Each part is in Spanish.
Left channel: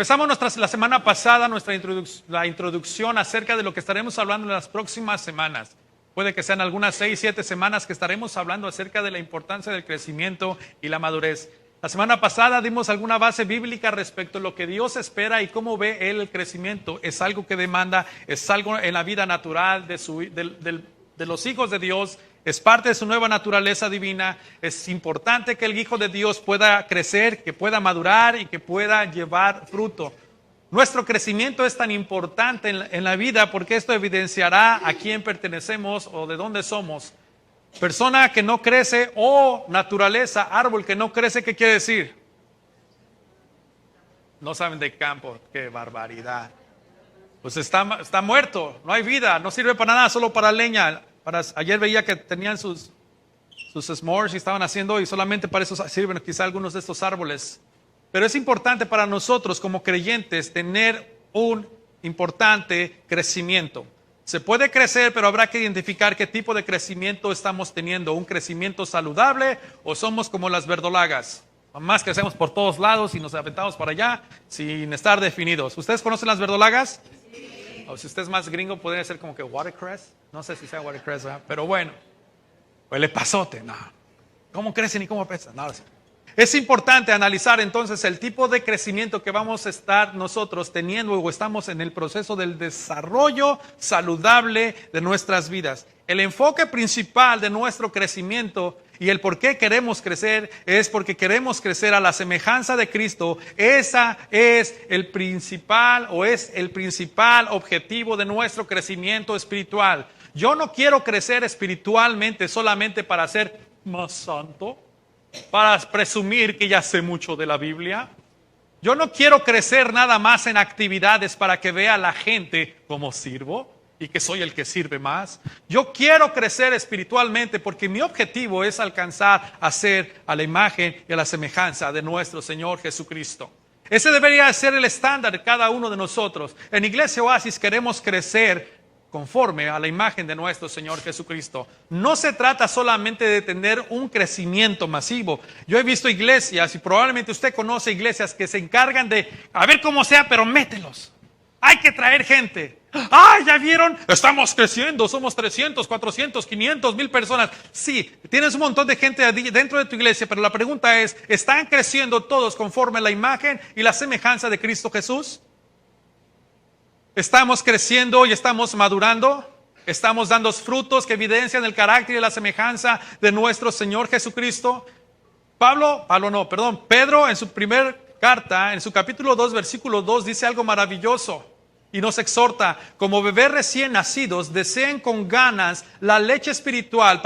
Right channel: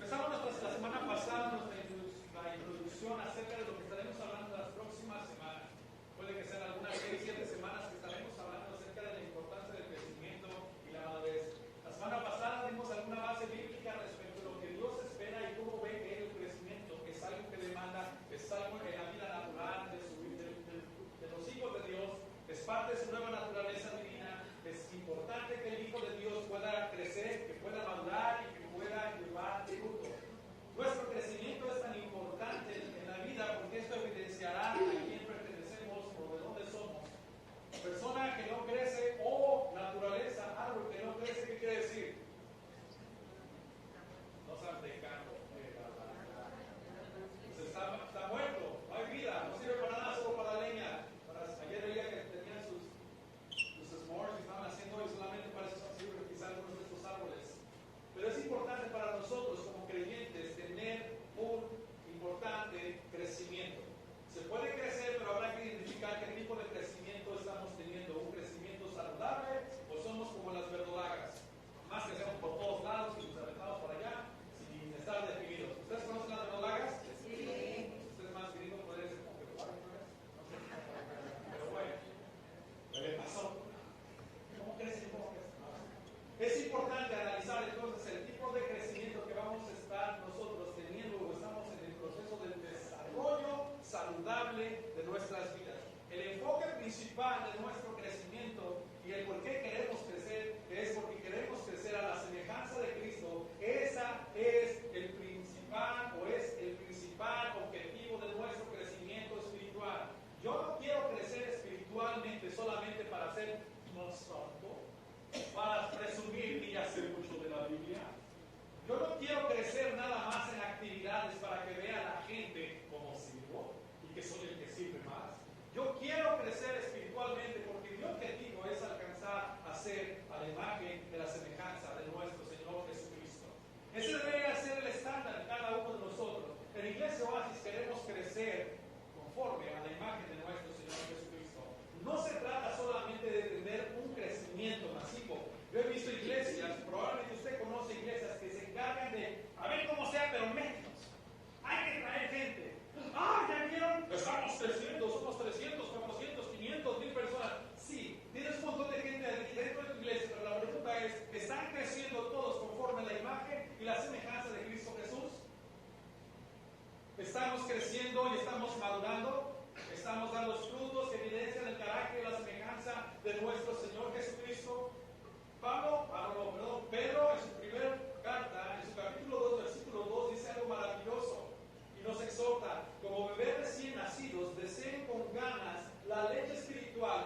Empezamos la semana pasada la introducción acerca de lo que estaremos hablando en las próximas semanas. Puede que sean algunas 6, 7 semanas que estaremos hablando acerca de la importancia del crecimiento y la madurez. La semana pasada dimos alguna base bíblica respecto a lo que Dios espera y cómo ve Él el crecimiento. Es algo que demanda, es algo en la vida natural de los hijos de Dios. Es parte de su nueva naturaleza divina. Es importante que el Hijo de Dios pueda crecer, que pueda madurar y que pueda llevar fruto. Nuestro crecimiento es tan importante en la vida porque esto evidenciará a quién pertenecemos o de dónde somos. Persona que no crece o naturaleza, árbol que no crece, ¿qué quiere decir? No saben de campo, qué barbaridad. Pues está muerto, no hay vida, no sirve para nada, solo para leña. Ayer veía que tenían sus s'mores y estaban haciendo y solamente para eso sirven quizá algunos de estos árboles. Pero es importante para nosotros como creyentes tener un importante crecimiento. Se puede crecer, pero habrá que identificar qué tipo de crecimiento estamos teniendo. ¿Un crecimiento saludable o somos como las verdolagas? Más crecemos por todos lados y nos aventamos para allá sin estar definidos. ¿Ustedes conocen las verdolagas? Sí. O si usted es más gringo, podría ser como que watercress. No sé si sea watercress, ¿verdad? Pero bueno. O el epazote, no. ¿Cómo crecen y cómo pesan? No lo sé. Es importante analizar entonces el tipo de crecimiento que vamos a estar nosotros teniendo o estamos en el proceso del desarrollo saludable de nuestras vidas. El enfoque principal de nuestro crecimiento y el por qué queremos crecer es porque queremos crecer a la semejanza de Cristo. Esa es el principal objetivo de nuestro crecimiento espiritual. Yo no quiero crecer espiritualmente solamente para ser más santo, para presumir que ya sé mucho de la Biblia. Yo no quiero crecer nada más en actividades para que vea la gente cómo sirvo y que soy el que sirve más. Yo quiero crecer espiritualmente porque mi objetivo es alcanzar a ser a la imagen y a la semejanza de nuestro Señor Jesucristo. Ese debería ser el estándar de cada uno de nosotros. En Iglesia Oasis queremos crecer conforme a la imagen de nuestro Señor Jesucristo. No se trata solamente de tener un crecimiento masivo. Yo he visto iglesias y probablemente usted conoce iglesias que se encargan de, a ver cómo sea, pero mételos. Hay que traer gente. ¡Ah, ya vieron! Estamos creciendo, somos 300, 400, 500, 1000 personas. Sí, tienes un montón de gente dentro de tu iglesia, pero la pregunta es, ¿están creciendo todos conforme a la imagen y la semejanza de Cristo Jesús? ¿Estamos creciendo y estamos madurando? ¿Estamos dando frutos que evidencian el carácter y la semejanza de nuestro Señor Jesucristo? Pedro en su primera carta, en su capítulo 2, versículo 2, dice algo maravilloso y nos exhorta: como bebés recién nacidos, deseen con ganas la leche espiritual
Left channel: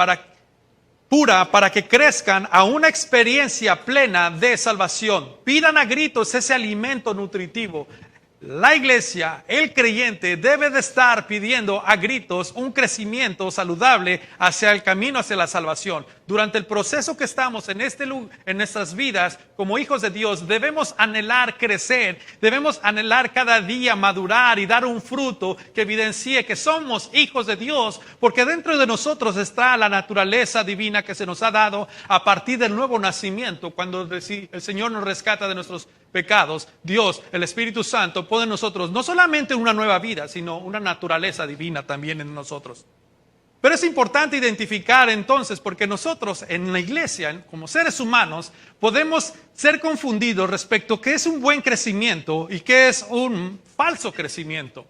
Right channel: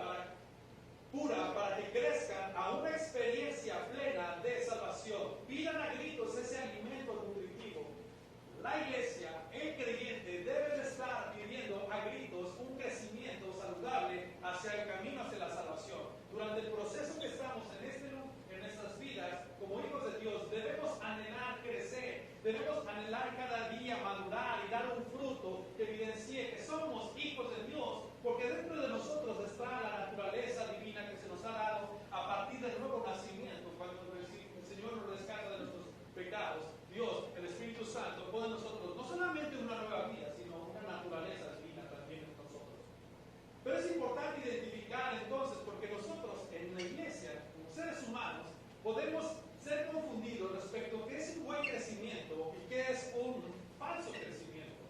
pura para que crezcan a una experiencia plena de salvación. Pidan a gritos ese alimento nutritivo. La iglesia, el creyente, debe de estar pidiendo a gritos un crecimiento saludable hacia el camino, hacia la salvación. Durante el proceso que estamos en nuestras vidas como hijos de Dios, debemos anhelar crecer, debemos anhelar cada día madurar y dar un fruto que evidencie que somos hijos de Dios, porque dentro de nosotros está la naturaleza divina que se nos ha dado a partir del nuevo nacimiento. Cuando el Señor nos rescata de nuestros pecados, Dios, el Espíritu Santo, pone en nosotros no solamente una nueva vida, sino una naturaleza divina también en nosotros. Pero es importante identificar entonces, porque nosotros en la iglesia, como seres humanos, podemos ser confundidos respecto a qué es un buen crecimiento y qué es un falso crecimiento.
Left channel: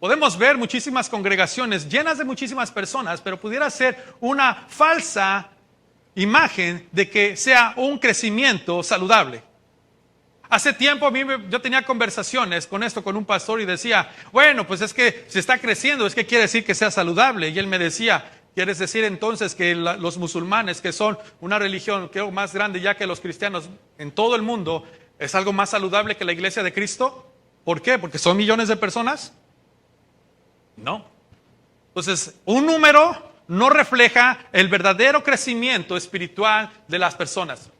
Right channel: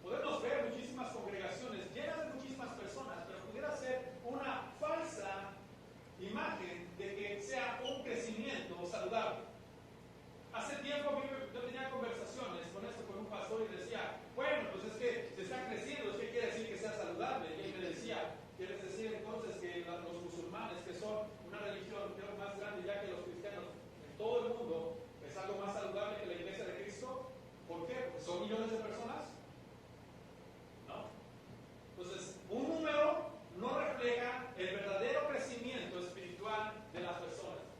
Podemos ver muchísimas congregaciones llenas de muchísimas personas, pero pudiera ser una falsa imagen de que sea un crecimiento saludable. Hace tiempo yo tenía conversaciones con un pastor y decía, bueno, pues es que si está creciendo, es que quiere decir que sea saludable. Y él me decía, ¿quieres decir entonces que los musulmanes, que son una religión creo más grande ya que los cristianos en todo el mundo, es algo más saludable que la iglesia de Cristo? ¿Por qué? ¿Porque son millones de personas? No. Entonces, un número no refleja el verdadero crecimiento espiritual de las personas.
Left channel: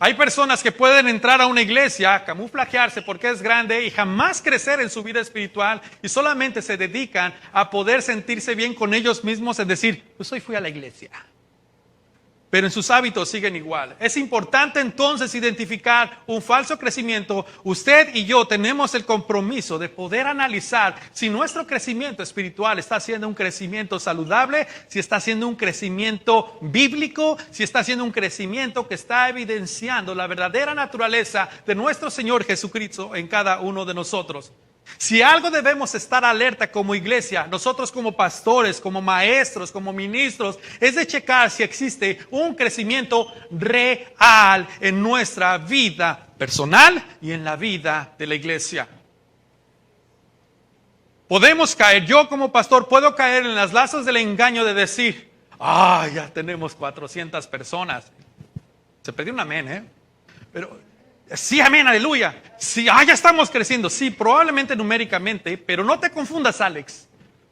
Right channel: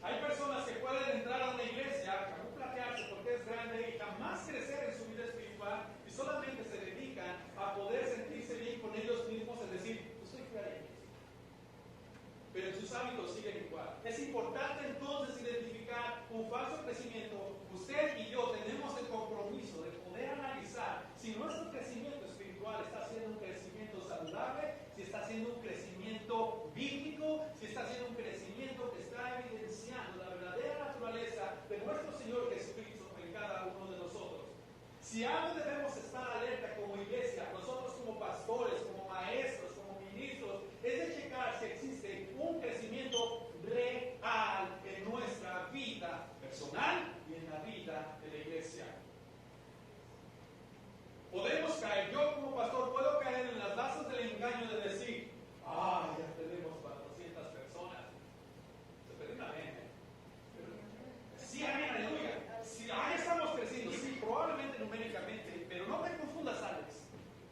Hay personas que pueden entrar a una iglesia, camuflajearse porque es grande y jamás crecer en su vida espiritual y solamente se dedican a poder sentirse bien con ellos mismos, es decir, pues hoy fui a la iglesia. pero en sus hábitos siguen igual. Es importante entonces identificar un falso crecimiento. Usted y yo tenemos el compromiso de poder analizar si nuestro crecimiento espiritual está siendo un crecimiento saludable, si está siendo un crecimiento bíblico, si está siendo un crecimiento que está evidenciando la verdadera naturaleza de nuestro Señor Jesucristo en cada uno de nosotros. Si algo debemos estar alerta como iglesia, nosotros como pastores, como maestros, como ministros, es de checar si existe un crecimiento real en nuestra vida personal y en la vida de la iglesia. Podemos caer, yo como pastor puedo caer en las lazos del engaño de decir, ya tenemos 400 personas. Se perdió un amén, pero sí, amén, aleluya. Sí, ya estamos creciendo. Sí, probablemente numéricamente, pero no te confundas, Alex.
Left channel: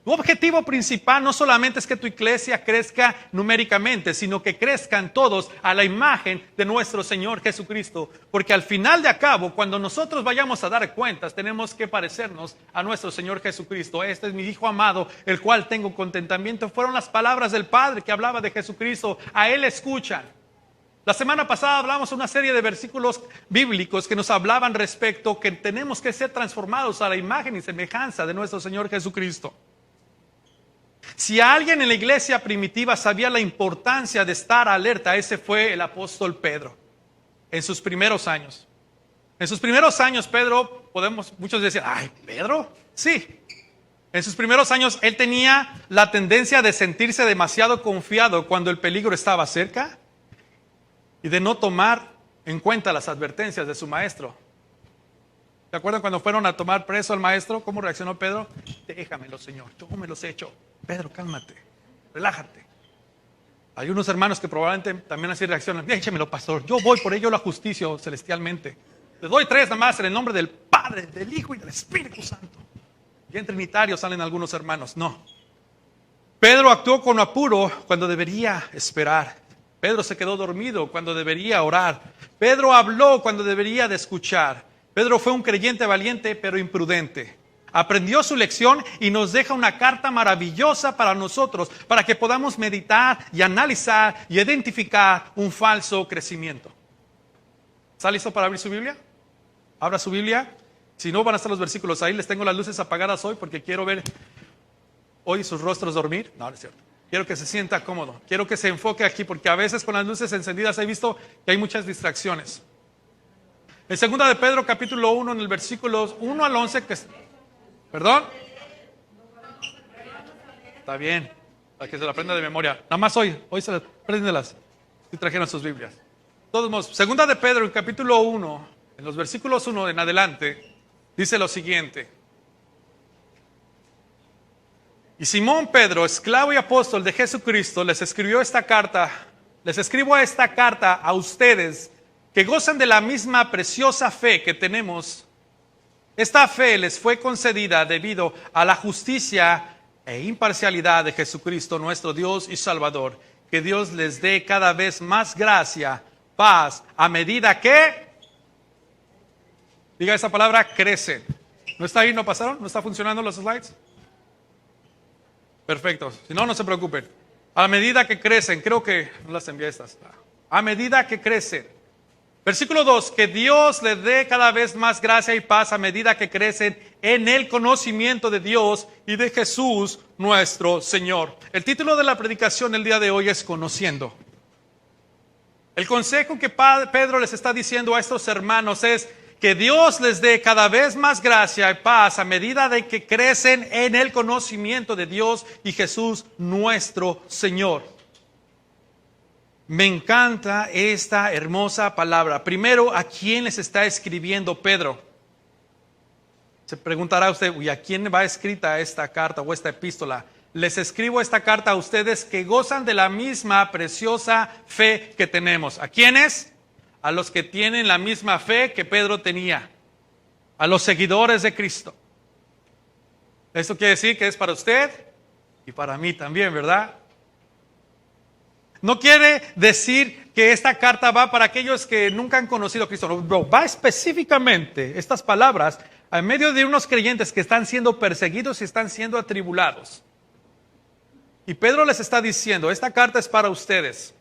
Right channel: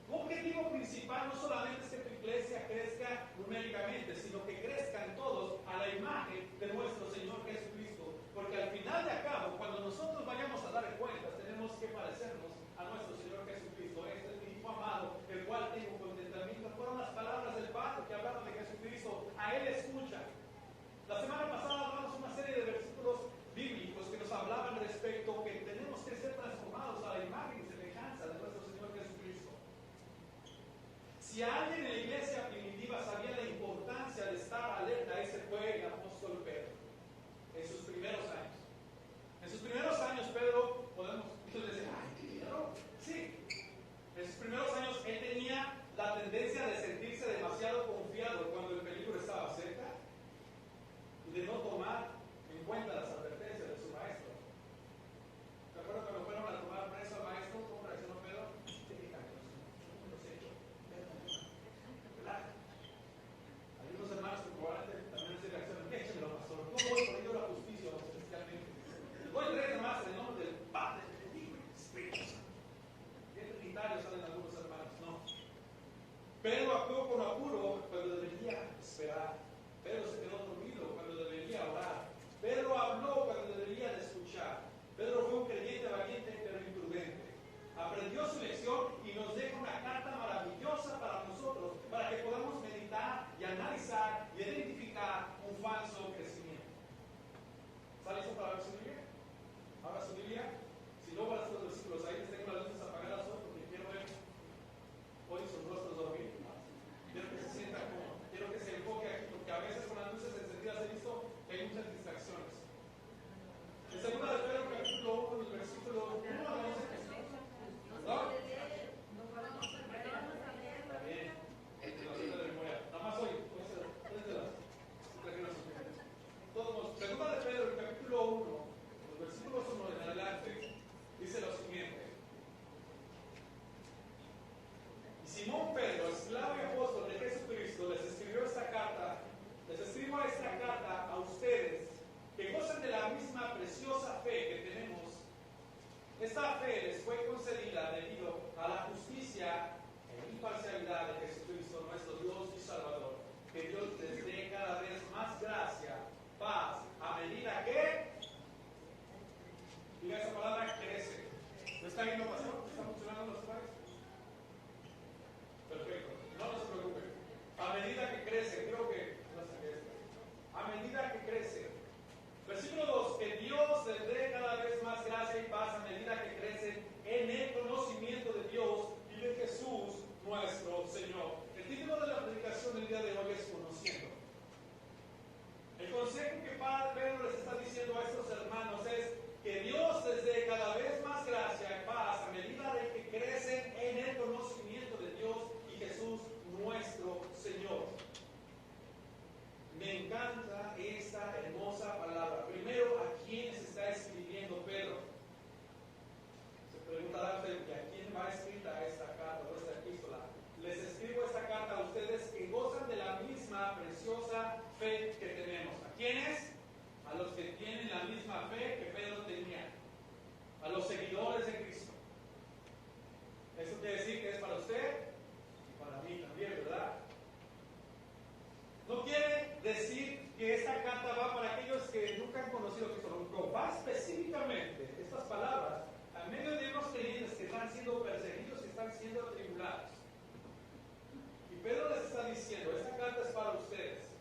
Tu objetivo principal no solamente es que tu iglesia crezca numéricamente, sino que crezcan todos a la imagen de nuestro Señor Jesucristo. Porque al final de cabo, cuando nosotros vayamos a dar cuentas, tenemos que parecernos a nuestro Señor Jesucristo. Este es mi Hijo amado, el cual tengo contentamiento. Fueron las palabras del Padre que hablaba de Jesucristo. A Él escuchan. La semana pasada hablamos una serie de versículos bíblicos que nos hablaban respecto que tenemos que ser transformados a la imagen y semejanza de nuestro Señor Jesucristo. Si alguien en la iglesia primitiva sabía la importancia de estar alerta, ese fue el apóstol Pedro en sus primeros años. En sus primeros años Pedro, muchos decir, ¿Pedro? Sí. En sus primeros años él tenía la tendencia de sentirse demasiado confiado cuando el peligro estaba cerca y de no tomar en cuenta las advertencias de su maestro. ¿Se acuerdan cuando fueron a tomar preso al maestro? ¿Cómo reaccionó Pedro? Déjamelo, Señor, yo me los he hecho. Pedro, cálmate, relájate. Hay unos hermanos que probablemente también así reaccionan. Déjamelo, pastor, yo voy por ello la justicia celestialmente. Le doy 3 nada más en el nombre del Padre, del Hijo y del Espíritu Santo. Y en Trinitario salen algunos hermanos. No. Pedro actuó con apuro cuando debería esperar. Pedro se quedó dormido cuando debería orar. Pedro habló cuando debería de escuchar. Pedro fue un creyente valiente pero imprudente. Aprendió su lección y nos deja una carta maravillosa para nosotros, para que podamos meditar y analizar y identificar un falso crecimiento. ¿Está listo para abrir su Biblia? Abra su Biblia. Si no, van a estar los versículos ahí. Les tengo las luces apagadas hoy porque quiero ver hoy sus rostros dormir. No, no es cierto. Quiero que se sienta cómodo, quiero que se enfoque aquí, porque a veces con las luces encendidas he visto que hay muchas distracciones. En 2 de Pedro capítulo 1, en el versículo 1 al 11, ¿perdón? Está bien, para que se la aprenda de memoria. Nada más hoy se las préndelas, si trajeron sus Biblias. De todos modos, 2 de Pedro, capítulo 1, en los versículos 1 en adelante, dice lo siguiente. Y Simón Pedro, esclavo y apóstol de Jesucristo, les escribo esta carta a ustedes que gozan de la misma preciosa fe que tenemos. Esta fe les fue concedida debido a la justicia e imparcialidad de Jesucristo, nuestro Dios y Salvador. Que Dios les dé cada vez más gracia, paz, a medida que, diga esa palabra, crecen. ¿No está ahí? ¿No pasaron? ¿No está funcionando los slides? Perfecto, si no, no se preocupen. A medida que crecen, creo que no las envié estas. A medida que crecen. Versículo 2, que Dios les dé cada vez más gracia y paz a medida que crecen en el conocimiento de Dios y de Jesús nuestro Señor. El título de la predicación del día de hoy es Conociendo. El consejo que Pedro les está diciendo a estos hermanos es que Dios les dé cada vez más gracia y paz a medida de que crecen en el conocimiento de Dios y Jesús nuestro Señor. Me encanta esta hermosa palabra. Primero, ¿a quién les está escribiendo Pedro? Se preguntará usted, ¿y a quién va escrita esta carta o esta epístola? Les escribo esta carta a ustedes que gozan de la misma preciosa fe que tenemos. ¿A quiénes? A los que tienen la misma fe que Pedro tenía, a los seguidores de Cristo. Esto quiere decir que es para usted y para mí también, ¿verdad? No quiere decir que esta carta va para aquellos que nunca han conocido a Cristo. No, va específicamente estas palabras en medio de unos creyentes que están siendo perseguidos y están siendo atribulados. Y Pedro les está diciendo, esta carta es para ustedes.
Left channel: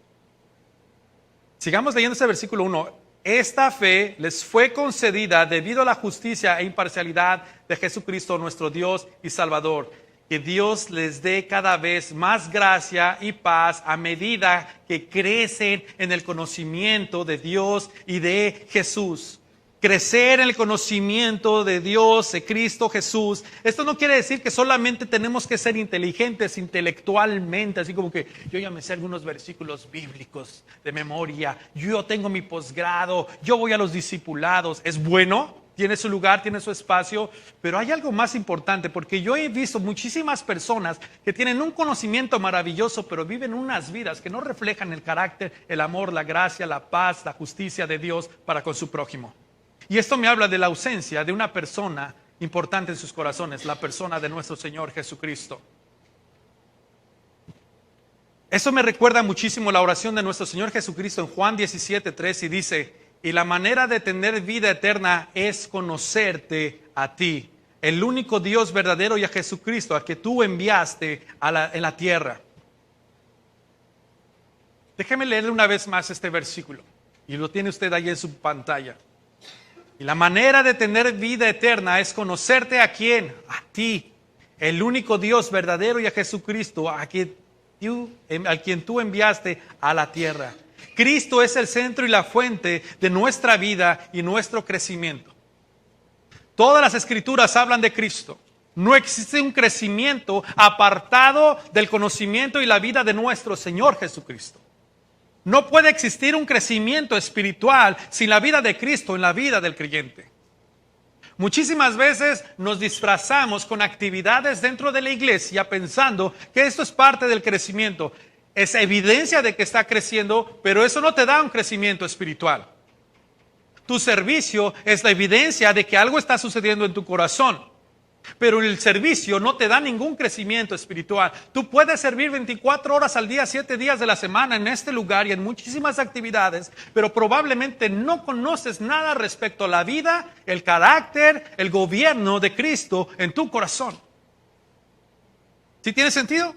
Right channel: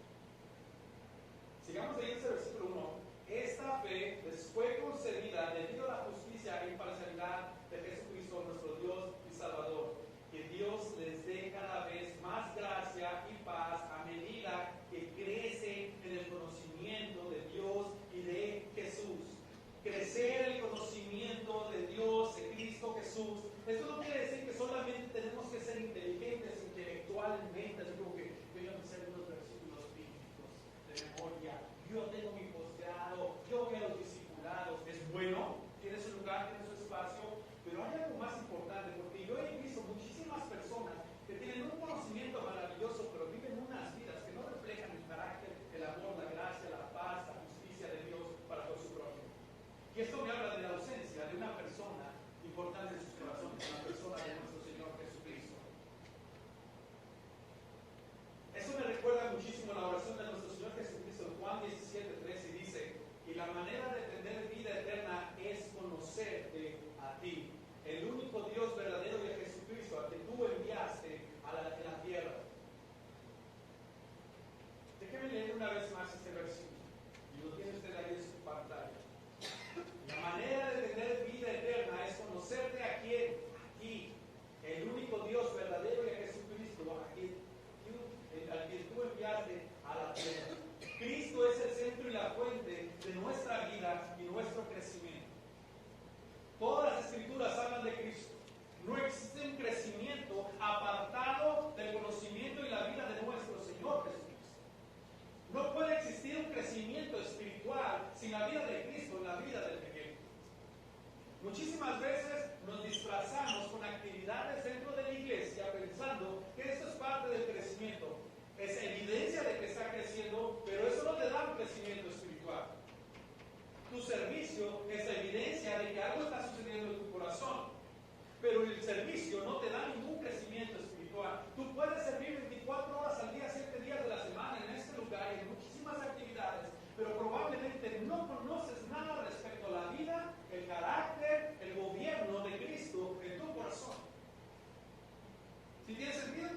Sigamos leyendo este versículo 1. Esta fe les fue concedida debido a la justicia e imparcialidad de Jesucristo nuestro Dios y Salvador. Que Dios les dé cada vez más gracia y paz a medida que crecen en el conocimiento de Dios y de Jesús. Crecer en el conocimiento de Dios, de Cristo Jesús. Esto no quiere decir que solamente tenemos que ser inteligentes intelectualmente, así como que yo ya me sé algunos versículos bíblicos de memoria, yo tengo mi posgrado, yo voy a los discipulados. Es bueno, tiene su lugar, tiene su espacio, pero hay algo más importante, porque yo he visto muchísimas personas que tienen un conocimiento maravilloso, pero viven unas vidas que no reflejan el carácter, el amor, la gracia, la paz, la justicia de Dios para con su prójimo. Y esto me habla de la ausencia de una persona importante en sus corazones, la persona de nuestro Señor Jesucristo. Eso me recuerda muchísimo la oración de nuestro Señor Jesucristo en Juan 17:3 y dice: y la manera de tener vida eterna es conocerte a ti, el único Dios verdadero, y a Jesucristo, a que tú enviaste en la tierra. Déjeme leerle una vez más este versículo, y lo tiene usted ahí en su pantalla. Y la manera de tener vida eterna es conocerte a quién, a ti, el único Dios verdadero, y a Jesucristo, a quien tú enviaste a la tierra. Cristo es el centro y la fuente de nuestra vida y nuestro crecimiento. Todas las escrituras hablan de Cristo. No existe un crecimiento apartado del conocimiento y la vida de nuestro Señor Jesucristo. No puede existir un crecimiento espiritual sin la vida de Cristo en la vida del creyente. Muchísimas veces nos disfrazamos con actividades dentro de la iglesia pensando que esto es parte del crecimiento. Es evidencia de que está creciendo, pero eso no te da un crecimiento espiritual. Tu servicio es la evidencia de que algo está sucediendo en tu corazón. Pero el servicio no te da ningún crecimiento espiritual. Tú puedes servir 24 horas al día, 7 días de la semana en este lugar y en muchísimas actividades, pero probablemente no conoces nada respecto a la vida, el carácter, el gobierno de Cristo en tu corazón. ¿Sí tiene sentido?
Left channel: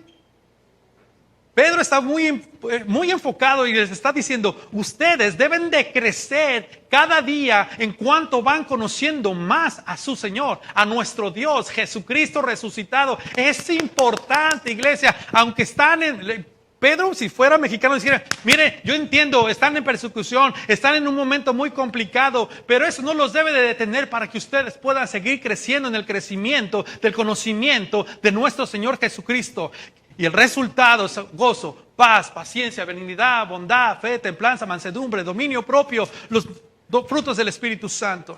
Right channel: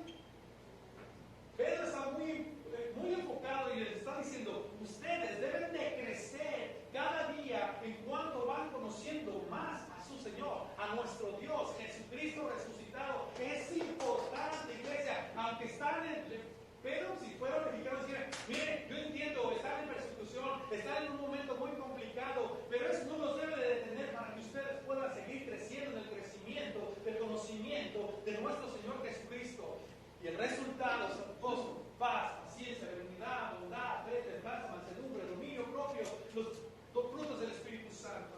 Pedro está muy enfocado y les está diciendo: ustedes deben de crecer cada día en cuanto van conociendo más a su Señor, a nuestro Dios, Jesucristo resucitado. Es importante, iglesia, aunque están Pedro, si fuera mexicano, dijera: mire, yo entiendo, están en persecución, están en un momento muy complicado, pero eso no los debe de detener para que ustedes puedan seguir creciendo en el crecimiento del conocimiento de nuestro Señor Jesucristo. Y el resultado es gozo, paz, paciencia, benignidad, bondad, fe, templanza, mansedumbre, dominio propio, los frutos del Espíritu Santo.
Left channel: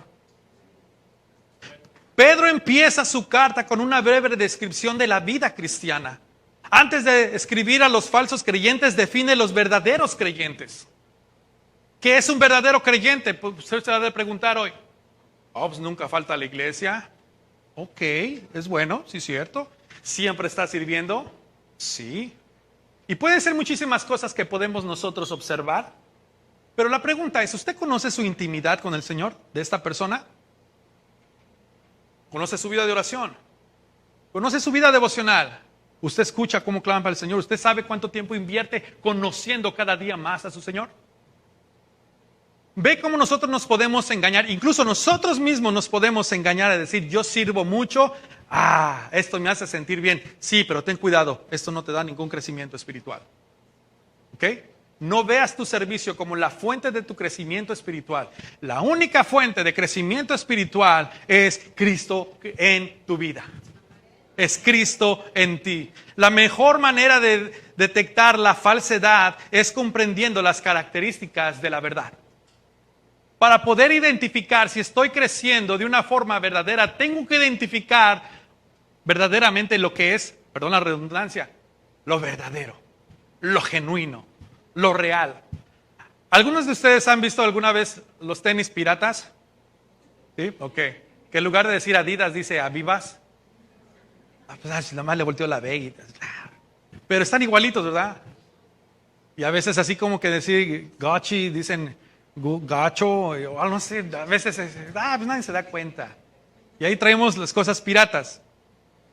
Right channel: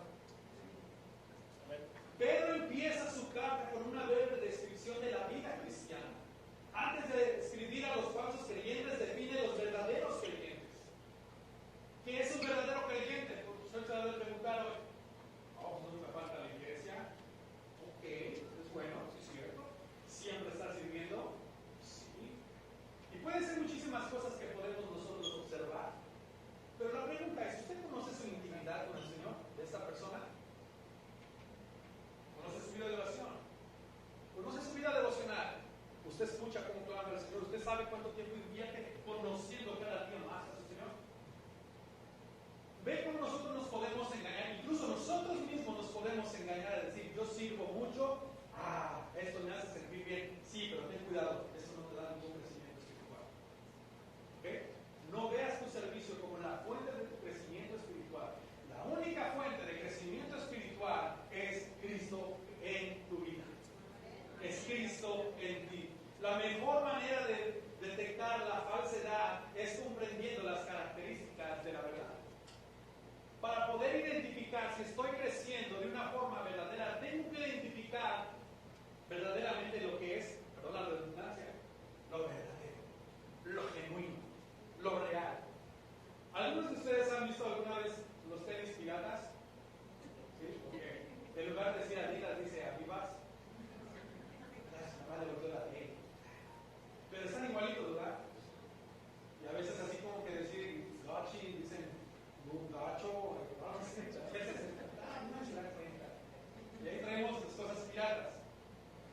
Pedro empieza su carta con una breve descripción de la vida cristiana. Antes de escribir a los falsos creyentes, define los verdaderos creyentes. ¿Qué es un verdadero creyente? Pues usted se va a preguntar hoy. Pues nunca falta a la iglesia. Ok, es bueno, sí es cierto. ¿Siempre está sirviendo? Sí. Y pueden ser muchísimas cosas que podemos nosotros observar. Pero la pregunta es: ¿usted conoce su intimidad con el Señor de esta persona? ¿Conoce su vida de oración? ¿Conoce su vida devocional? ¿Usted escucha cómo clama para el Señor? ¿Usted sabe cuánto tiempo invierte conociendo cada día más a su Señor? ¿Ve cómo nosotros nos podemos engañar? Incluso nosotros mismos nos podemos engañar a decir: yo sirvo mucho, esto me hace sentir bien. Sí, pero ten cuidado, esto no te da ningún crecimiento espiritual. ¿Ok? No veas tu servicio como la fuente de tu crecimiento espiritual. La única fuente de crecimiento espiritual es Cristo en tu vida. Es Cristo en ti. La mejor manera de detectar la falsedad es comprendiendo las características de la verdad. Para poder identificar si estoy creciendo de una forma verdadera, tengo que identificar verdaderamente lo que es, perdón la redundancia, lo verdadero, lo genuino, lo real. ¿Algunos de ustedes han visto alguna vez los tenis piratas? ¿Sí? Ok. Que en lugar de decir Adidas dice Avivas. Pues nada más le volteó la B. Pero están igualitos, ¿verdad? Y a veces así como que decir Gucci, dicen gacho, o no sé, a veces pues nadie se da cuenta. Y ahí traemos las cosas piratas.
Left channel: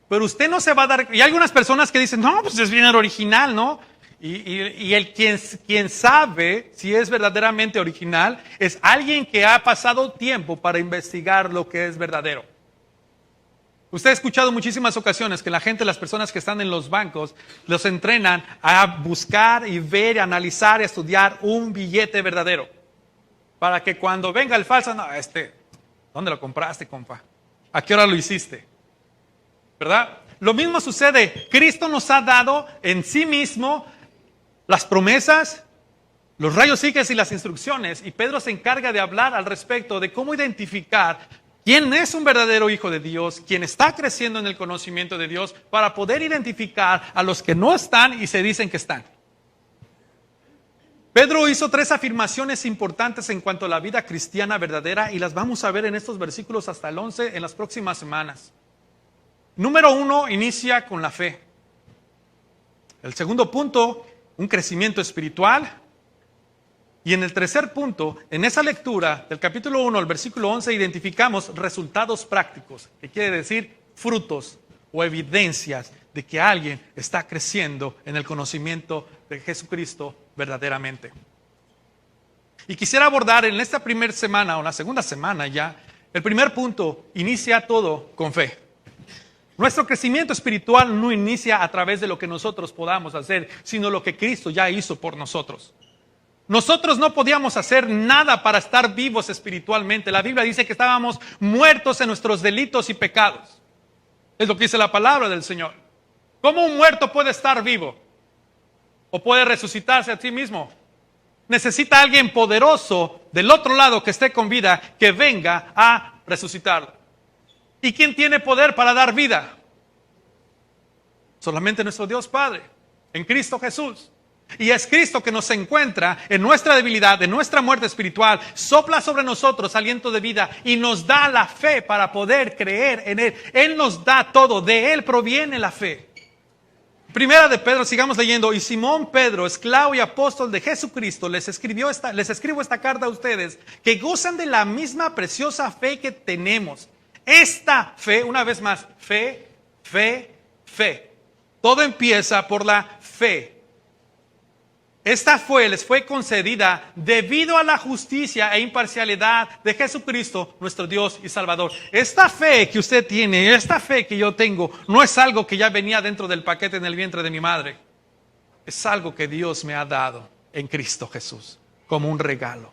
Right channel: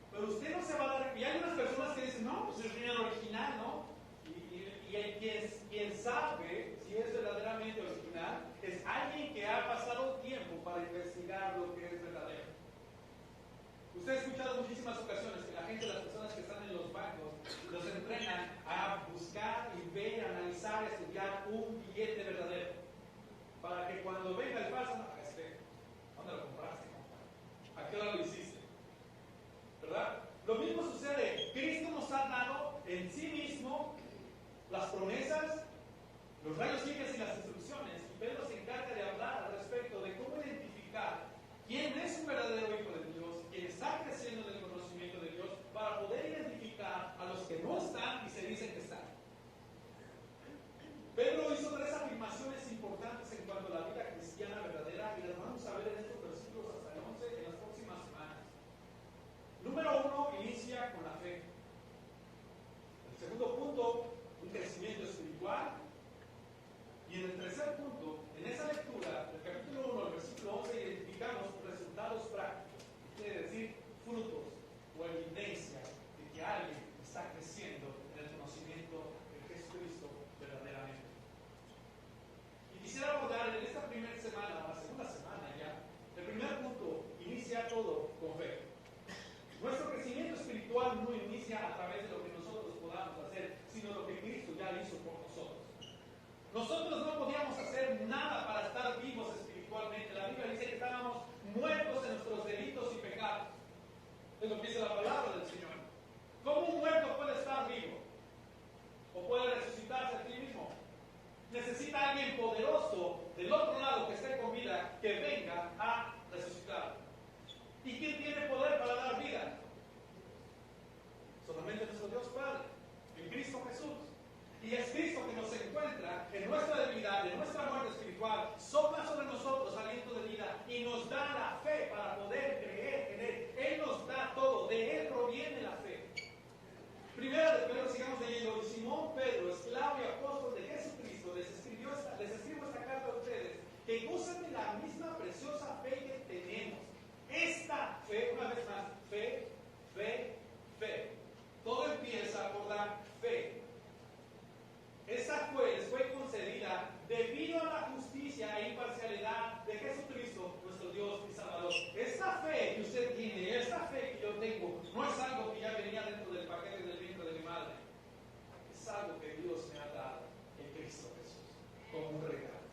Pero usted no se va a dar. Y hay algunas personas que dicen: no, pues es bien el original, ¿no? Y el quien sabe si es verdaderamente original es alguien que ha pasado tiempo para investigar lo que es verdadero. Usted ha escuchado muchísimas ocasiones que la gente, las personas que están en los bancos, los entrenan a buscar y ver, analizar, estudiar un billete verdadero. Para que cuando venga el falso, no, ¿dónde lo compraste, compa? ¿A qué hora lo hiciste? ¿Verdad? Lo mismo sucede. Cristo nos ha dado en sí mismo las promesas, los rayos X y las instrucciones. Y Pedro se encarga de hablar al respecto de cómo identificar quién es un verdadero hijo de Dios, quién está creciendo en el conocimiento de Dios, para poder identificar a los que no están y se dicen que están. Pedro hizo 3 afirmaciones importantes en cuanto a la vida cristiana verdadera y las vamos a ver en estos versículos hasta el 11 en las próximas semanas. Número 1, inicia con la fe. El segundo punto, un crecimiento espiritual. Y en el tercer punto, en esa lectura del capítulo 1 al versículo 11, identificamos resultados prácticos, que quiere decir frutos o evidencias de que alguien está creciendo en el conocimiento de Jesucristo verdaderamente. Y quisiera abordar en esta primera semana o la segunda semana ya, el primer punto, inicia todo con fe. Nuestro crecimiento espiritual no inicia a través de lo que nosotros podamos hacer, sino lo que Cristo ya hizo por nosotros. Nosotros no podíamos hacer nada para estar vivos espiritualmente. La Biblia dice que estábamos muertos en nuestros delitos y pecados. Es lo que dice la palabra del Señor. ¿Cómo un muerto puede estar vivo? ¿O puede resucitarse a sí mismo? Necesita alguien poderoso del otro lado que esté con vida, que venga a resucitarlo. ¿Y quién tiene poder para dar vida? Solamente nuestro Dios Padre, en Cristo Jesús. Y es Cristo que nos encuentra en nuestra debilidad, en nuestra muerte espiritual, sopla sobre nosotros aliento de vida y nos da la fe para poder creer en Él. Él nos da todo, de Él proviene la fe. Primera de Pedro, sigamos leyendo. Y Simón Pedro, esclavo y apóstol de Jesucristo, les escribo esta carta a ustedes, que gozan de la misma preciosa fe que tenemos. Esta fe, una vez más, fe. Todo empieza por la fe. Esta fe les fue concedida debido a la justicia e imparcialidad de Jesucristo, nuestro Dios y Salvador. Esta fe que usted tiene, esta fe que yo tengo, no es algo que ya venía dentro del paquete en el vientre de mi madre. Es algo que Dios me ha dado en Cristo Jesús, como un regalo.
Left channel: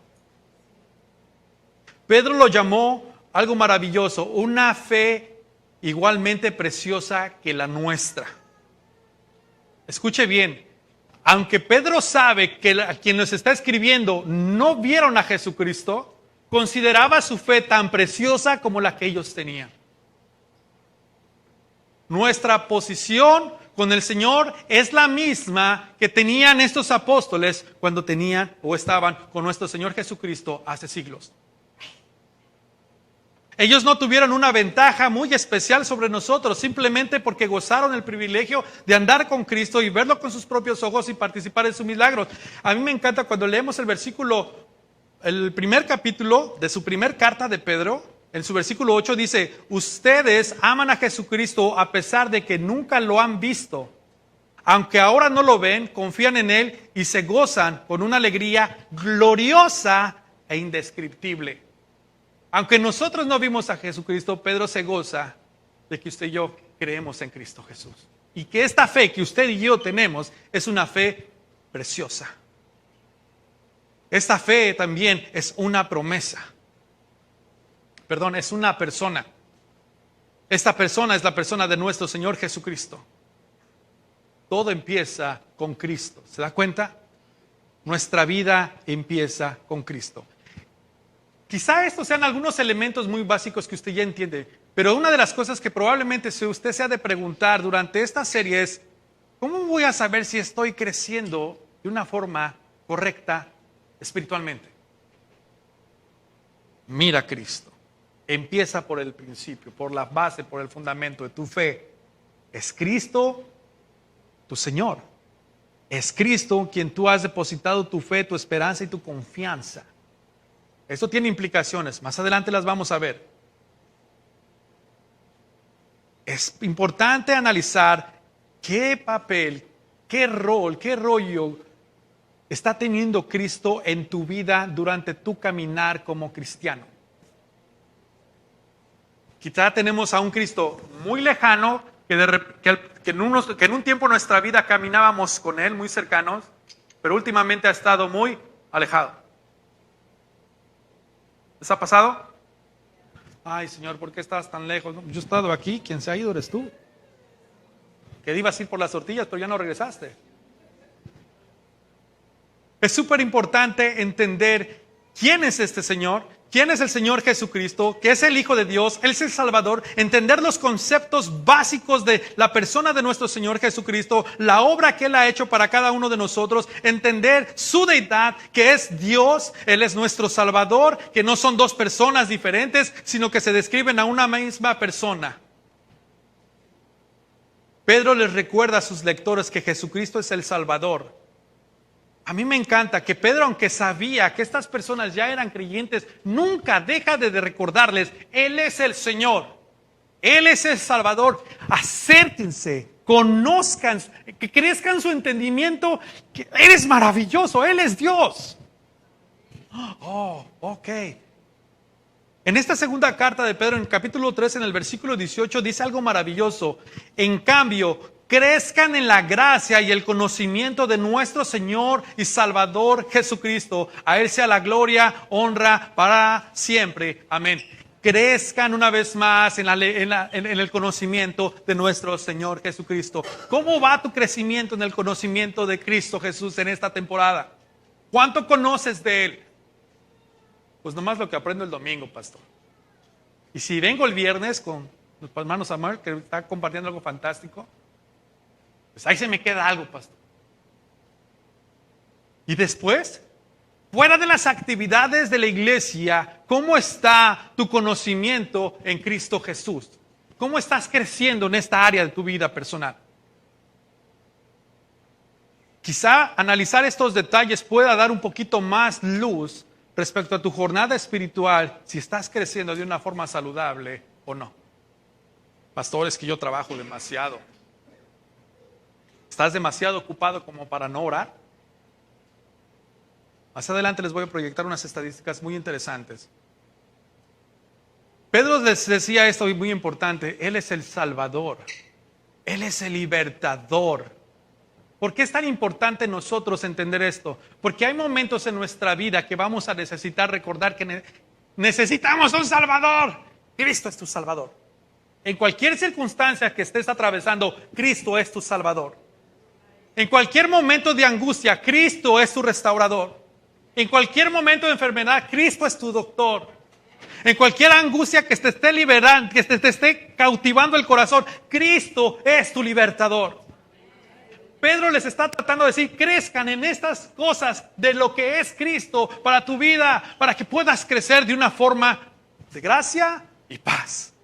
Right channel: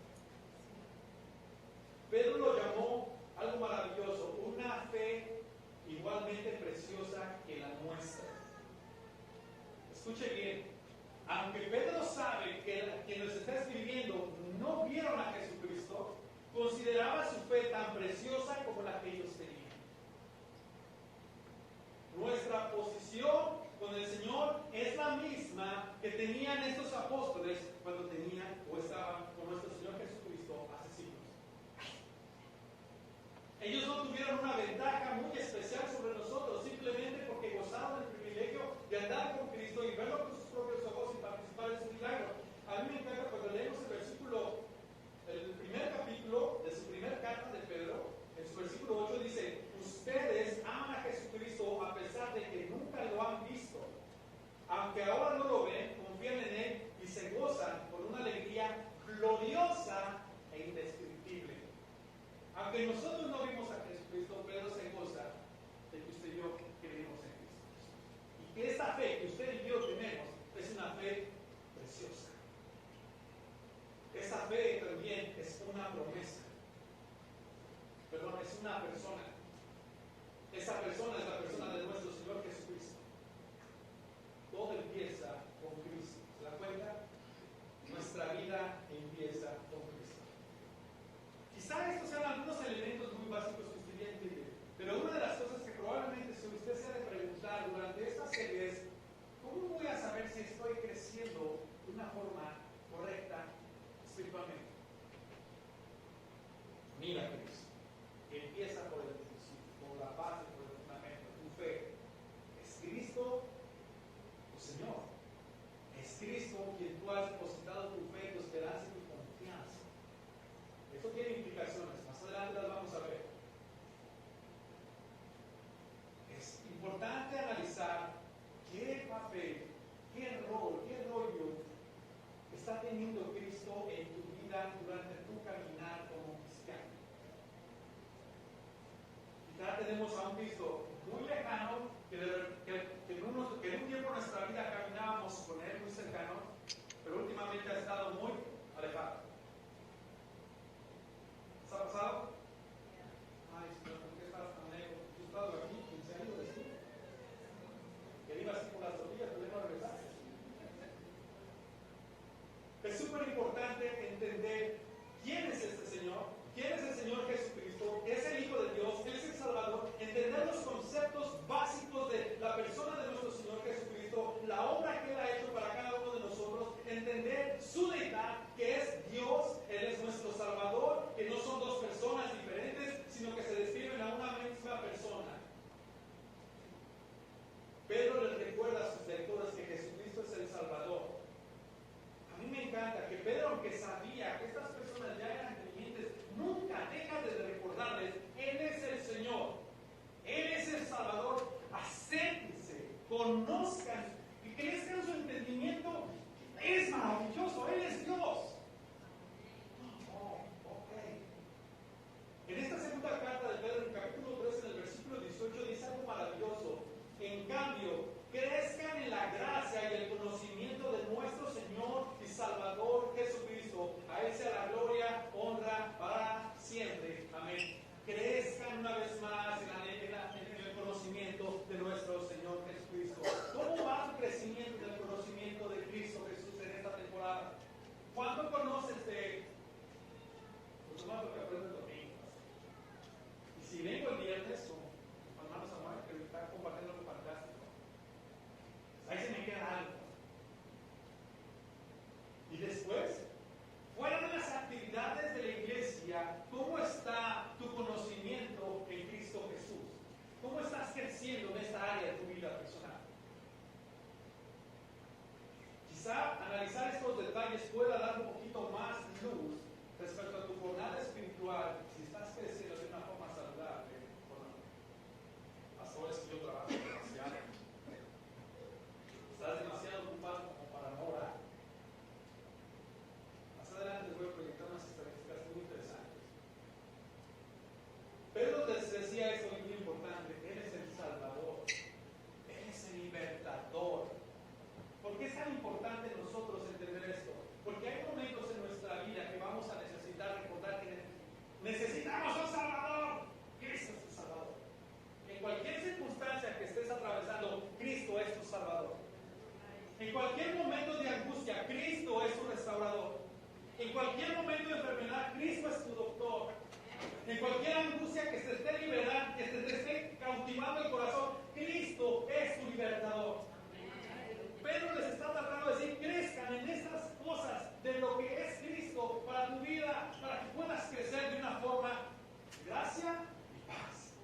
Pedro lo llamó algo maravilloso, una fe igualmente preciosa que la nuestra. Escuche bien. Aunque Pedro sabe que a quien nos está escribiendo no vieron a Jesucristo, consideraba su fe tan preciosa como la que ellos tenían. Nuestra posición con el Señor es la misma que tenían estos apóstoles cuando tenían o estaban con nuestro Señor Jesucristo hace siglos. Ellos no tuvieron una ventaja muy especial sobre nosotros, simplemente porque gozaron el privilegio de andar con Cristo y verlo con sus propios ojos y participar en sus milagros. A mí me encanta cuando leemos el primer capítulo de su primer carta de Pedro, en su versículo 8 dice: ustedes aman a Jesucristo a pesar de que nunca lo han visto. Aunque ahora no lo ven, confían en Él y se gozan con una alegría gloriosa e indescriptible. Aunque nosotros no vimos a Jesucristo, Pedro se goza de que usted y yo creemos en Cristo Jesús. Y que esta fe que usted y yo tenemos es una fe preciosa. Esta fe también es una promesa. Es una persona. Esta persona es la persona de nuestro Señor Jesucristo. Todo empieza con Cristo. ¿Se da cuenta? Nuestra vida empieza con Cristo. Quizá estos sean algunos elementos muy básicos que usted ya entiende, pero una de las cosas que probablemente usted se ha de preguntar durante esta serie es: ¿cómo voy a saber si estoy creciendo de una forma correcta espiritualmente? Mira a Cristo. Empieza por el principio, por la base, por el fundamento de tu fe. Es Cristo tu Señor. Es Cristo quien tú has depositado tu fe, tu esperanza y tu confianza. Esto tiene implicaciones, más adelante las vamos a ver. Es importante analizar qué qué rol, qué rollo está teniendo Cristo en tu vida durante tu caminar como cristiano? Quizá tenemos a un Cristo muy lejano, que en un tiempo de nuestra vida caminábamos con Él muy cercanos, pero últimamente ha estado muy alejado. ¿Les ha pasado? Ay, Señor, ¿por qué estás tan lejos? No, yo he estado aquí, quien se ha ido eres tú. Que ibas a ir por las tortillas, pero ya no regresaste. Es súper importante entender quién es este Señor, quién es el Señor Jesucristo, que es el Hijo de Dios, Él es el Salvador, entender los conceptos básicos de la persona de nuestro Señor Jesucristo, la obra que Él ha hecho para cada uno de nosotros, entender su deidad, que es Dios, Él es nuestro Salvador, que no son dos personas diferentes, sino que se describen a una misma persona. Pedro les recuerda a sus lectores que Jesucristo es el Salvador. A mí me encanta que Pedro, aunque sabía que estas personas ya eran creyentes, nunca deja de recordarles, Él es el Señor, Él es el Salvador. Acérquense, conozcan, que crezcan su entendimiento, que Él es maravilloso, Él es Dios. Oh, ok. En esta segunda carta de Pedro, en el capítulo 3, en el versículo 18, dice algo maravilloso. En cambio, crezcan en la gracia y el conocimiento de nuestro Señor y Salvador Jesucristo. A Él sea la gloria, honra para siempre. Amén. Crezcan una vez más en el conocimiento de nuestro Señor Jesucristo. ¿Cómo va tu crecimiento en el conocimiento de Cristo Jesús en esta temporada? ¿Cuánto conoces de Él? Pues nomás lo que aprendo el domingo, pastor. Y si vengo el viernes con los hermanos Samuel, que está compartiendo algo fantástico, pues ahí se me queda algo, pastor. Y después, fuera de las actividades de la iglesia, ¿cómo está tu conocimiento en Cristo Jesús? ¿Cómo estás creciendo en esta área de tu vida personal? Quizá analizar estos detalles pueda dar un poquito más luz respecto a tu jornada espiritual, si estás creciendo de una forma saludable o no. Pastor, es que yo trabajo demasiado. ¿Estás demasiado ocupado como para no orar? Más adelante les voy a proyectar unas estadísticas muy interesantes. Pedro les decía esto muy importante, Él es el Salvador, Él es el libertador. ¿Por qué es tan importante nosotros entender esto? Porque hay momentos en nuestra vida que vamos a necesitar recordar que necesitamos un Salvador. Cristo es tu Salvador. En cualquier circunstancia que estés atravesando, Cristo es tu Salvador. En cualquier momento de angustia, Cristo es tu restaurador. En cualquier momento de enfermedad, Cristo es tu doctor. En cualquier angustia que te esté liberando, que te esté cautivando el corazón, Cristo es tu libertador. Pedro les está tratando de decir, crezcan en estas cosas de lo que es Cristo para tu vida, para que puedas crecer de una forma de gracia y paz.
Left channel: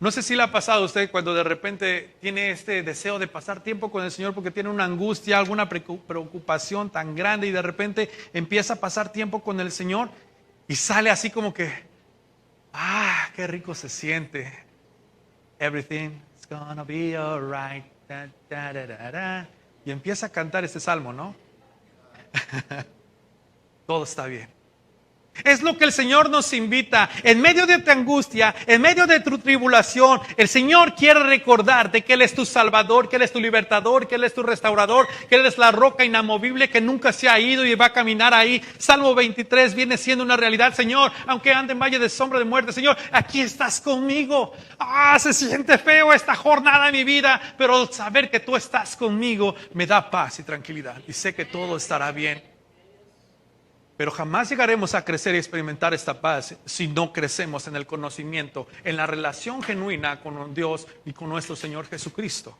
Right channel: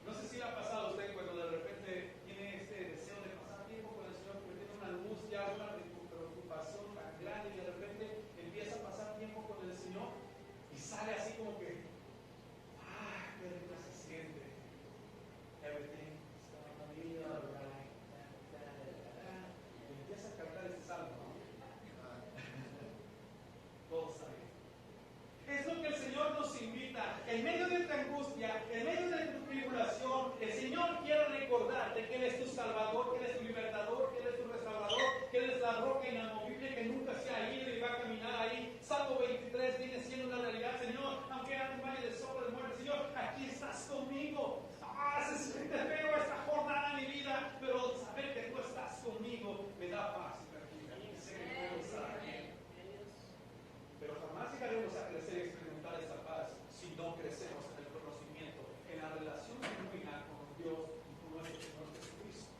No sé si le ha pasado a usted cuando de repente tiene este deseo de pasar tiempo con el Señor porque tiene una angustia, alguna preocupación tan grande y de repente empieza a pasar tiempo con el Señor y sale así como que, qué rico se siente. Everything's gonna be alright. Da, da, da, da, da. Y empieza a cantar este salmo, ¿no? Todo está bien. Es lo que el Señor nos invita. En medio de tu angustia, en medio de tu tribulación, el Señor quiere recordarte que Él es tu Salvador, que Él es tu libertador, que Él es tu restaurador, que Él es la roca inamovible que nunca se ha ido y va a caminar ahí. Salmo 23 viene siendo una realidad. Señor, aunque ande en valle de sombra de muerte, Señor, aquí estás conmigo. Se siente feo esta jornada de mi vida, pero saber que tú estás conmigo me da paz y tranquilidad. Y sé que todo estará bien. Pero jamás llegaremos a crecer y experimentar esta paz si no crecemos en el conocimiento, en la relación genuina con Dios y con nuestro Señor Jesucristo.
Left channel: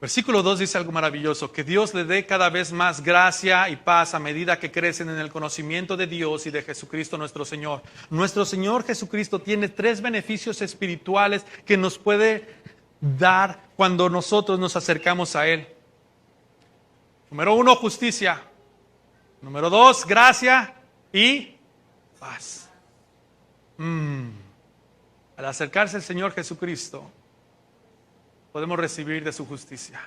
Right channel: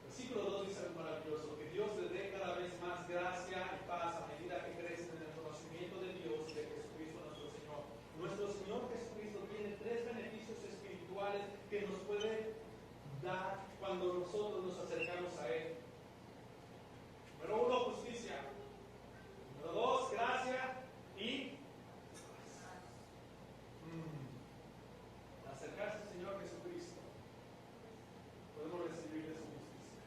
Versículo 2 dice algo maravilloso, que Dios le dé cada vez más gracia y paz a medida que crecen en el conocimiento de Dios y de Jesucristo nuestro Señor. Nuestro Señor Jesucristo tiene 3 beneficios espirituales que nos puede dar cuando nosotros nos acercamos a Él. Número 1, justicia. Número 2, gracia y paz. Al acercarse al Señor Jesucristo, podemos recibir de su justicia.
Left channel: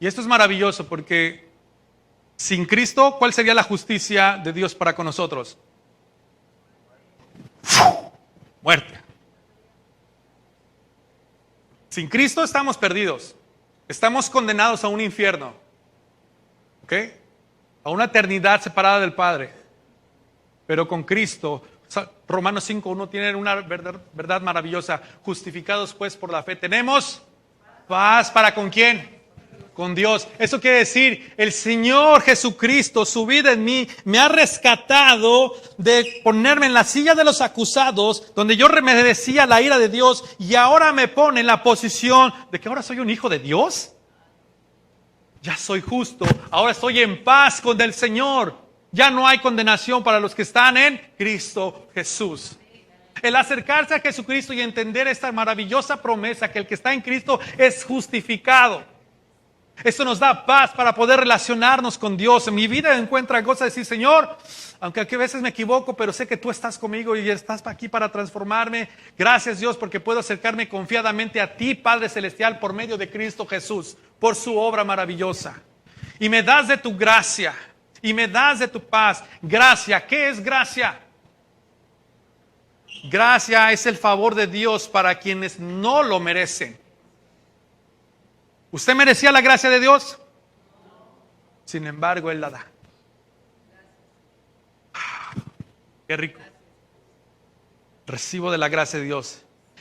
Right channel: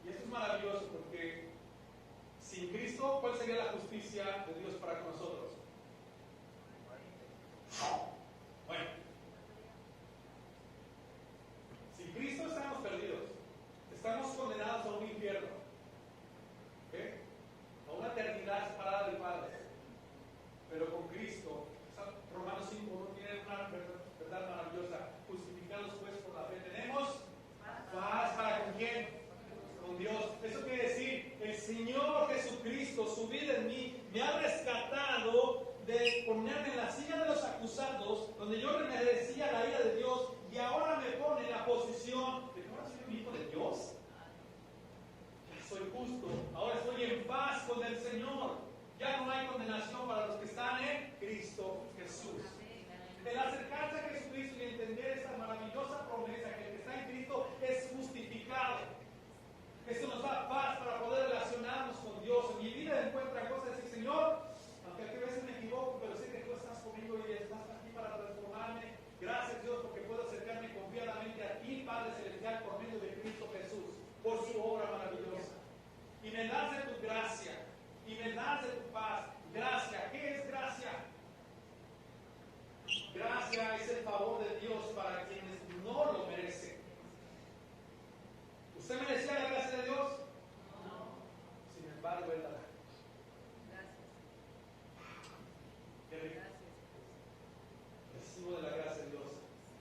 Y esto es maravilloso porque sin Cristo, ¿cuál sería la justicia de Dios para con nosotros? Muerte. Sin Cristo estamos perdidos. Estamos condenados a un infierno. ¿Ok? A una eternidad separada del Padre. Pero con Cristo, Romanos 5:1 tiene una verdad maravillosa. Justificados pues por la fe, tenemos paz. ¿Para con quién? Con Dios. Eso quiere decir, el Señor Jesucristo, su vida en mí, me ha rescatado de ponerme en la silla de los acusados, donde yo merecía la ira de Dios, y ahora me pone en la posición de que ahora soy un hijo de Dios. Ya soy justo, ahora estoy en paz con el Señor. Ya no hay condenación para los que están en Cristo Jesús. El acercarse a Jesucristo y entender esta maravillosa promesa que el que está en Cristo es justificado. Esto nos da paz para poder relacionarnos con Dios. En mi vida encuentra cosas de decir, Señor, aunque a veces me equivoco, pero sé que tú estás conmigo y estás aquí para transformarme. Gracias, Dios, porque puedo acercarme confiadamente a ti, Padre Celestial, por medio de Cristo Jesús, por su obra maravillosa. Y me das de tu gracia, y me das de tu paz. Gracia, ¿qué es gracia? Gracia es el favor de Dios para quienes no lo merecen. ¿Usted merecía la gracia de Dios? Sin embargo, Él la da. Qué rico. Recibo de la gracia de Dios.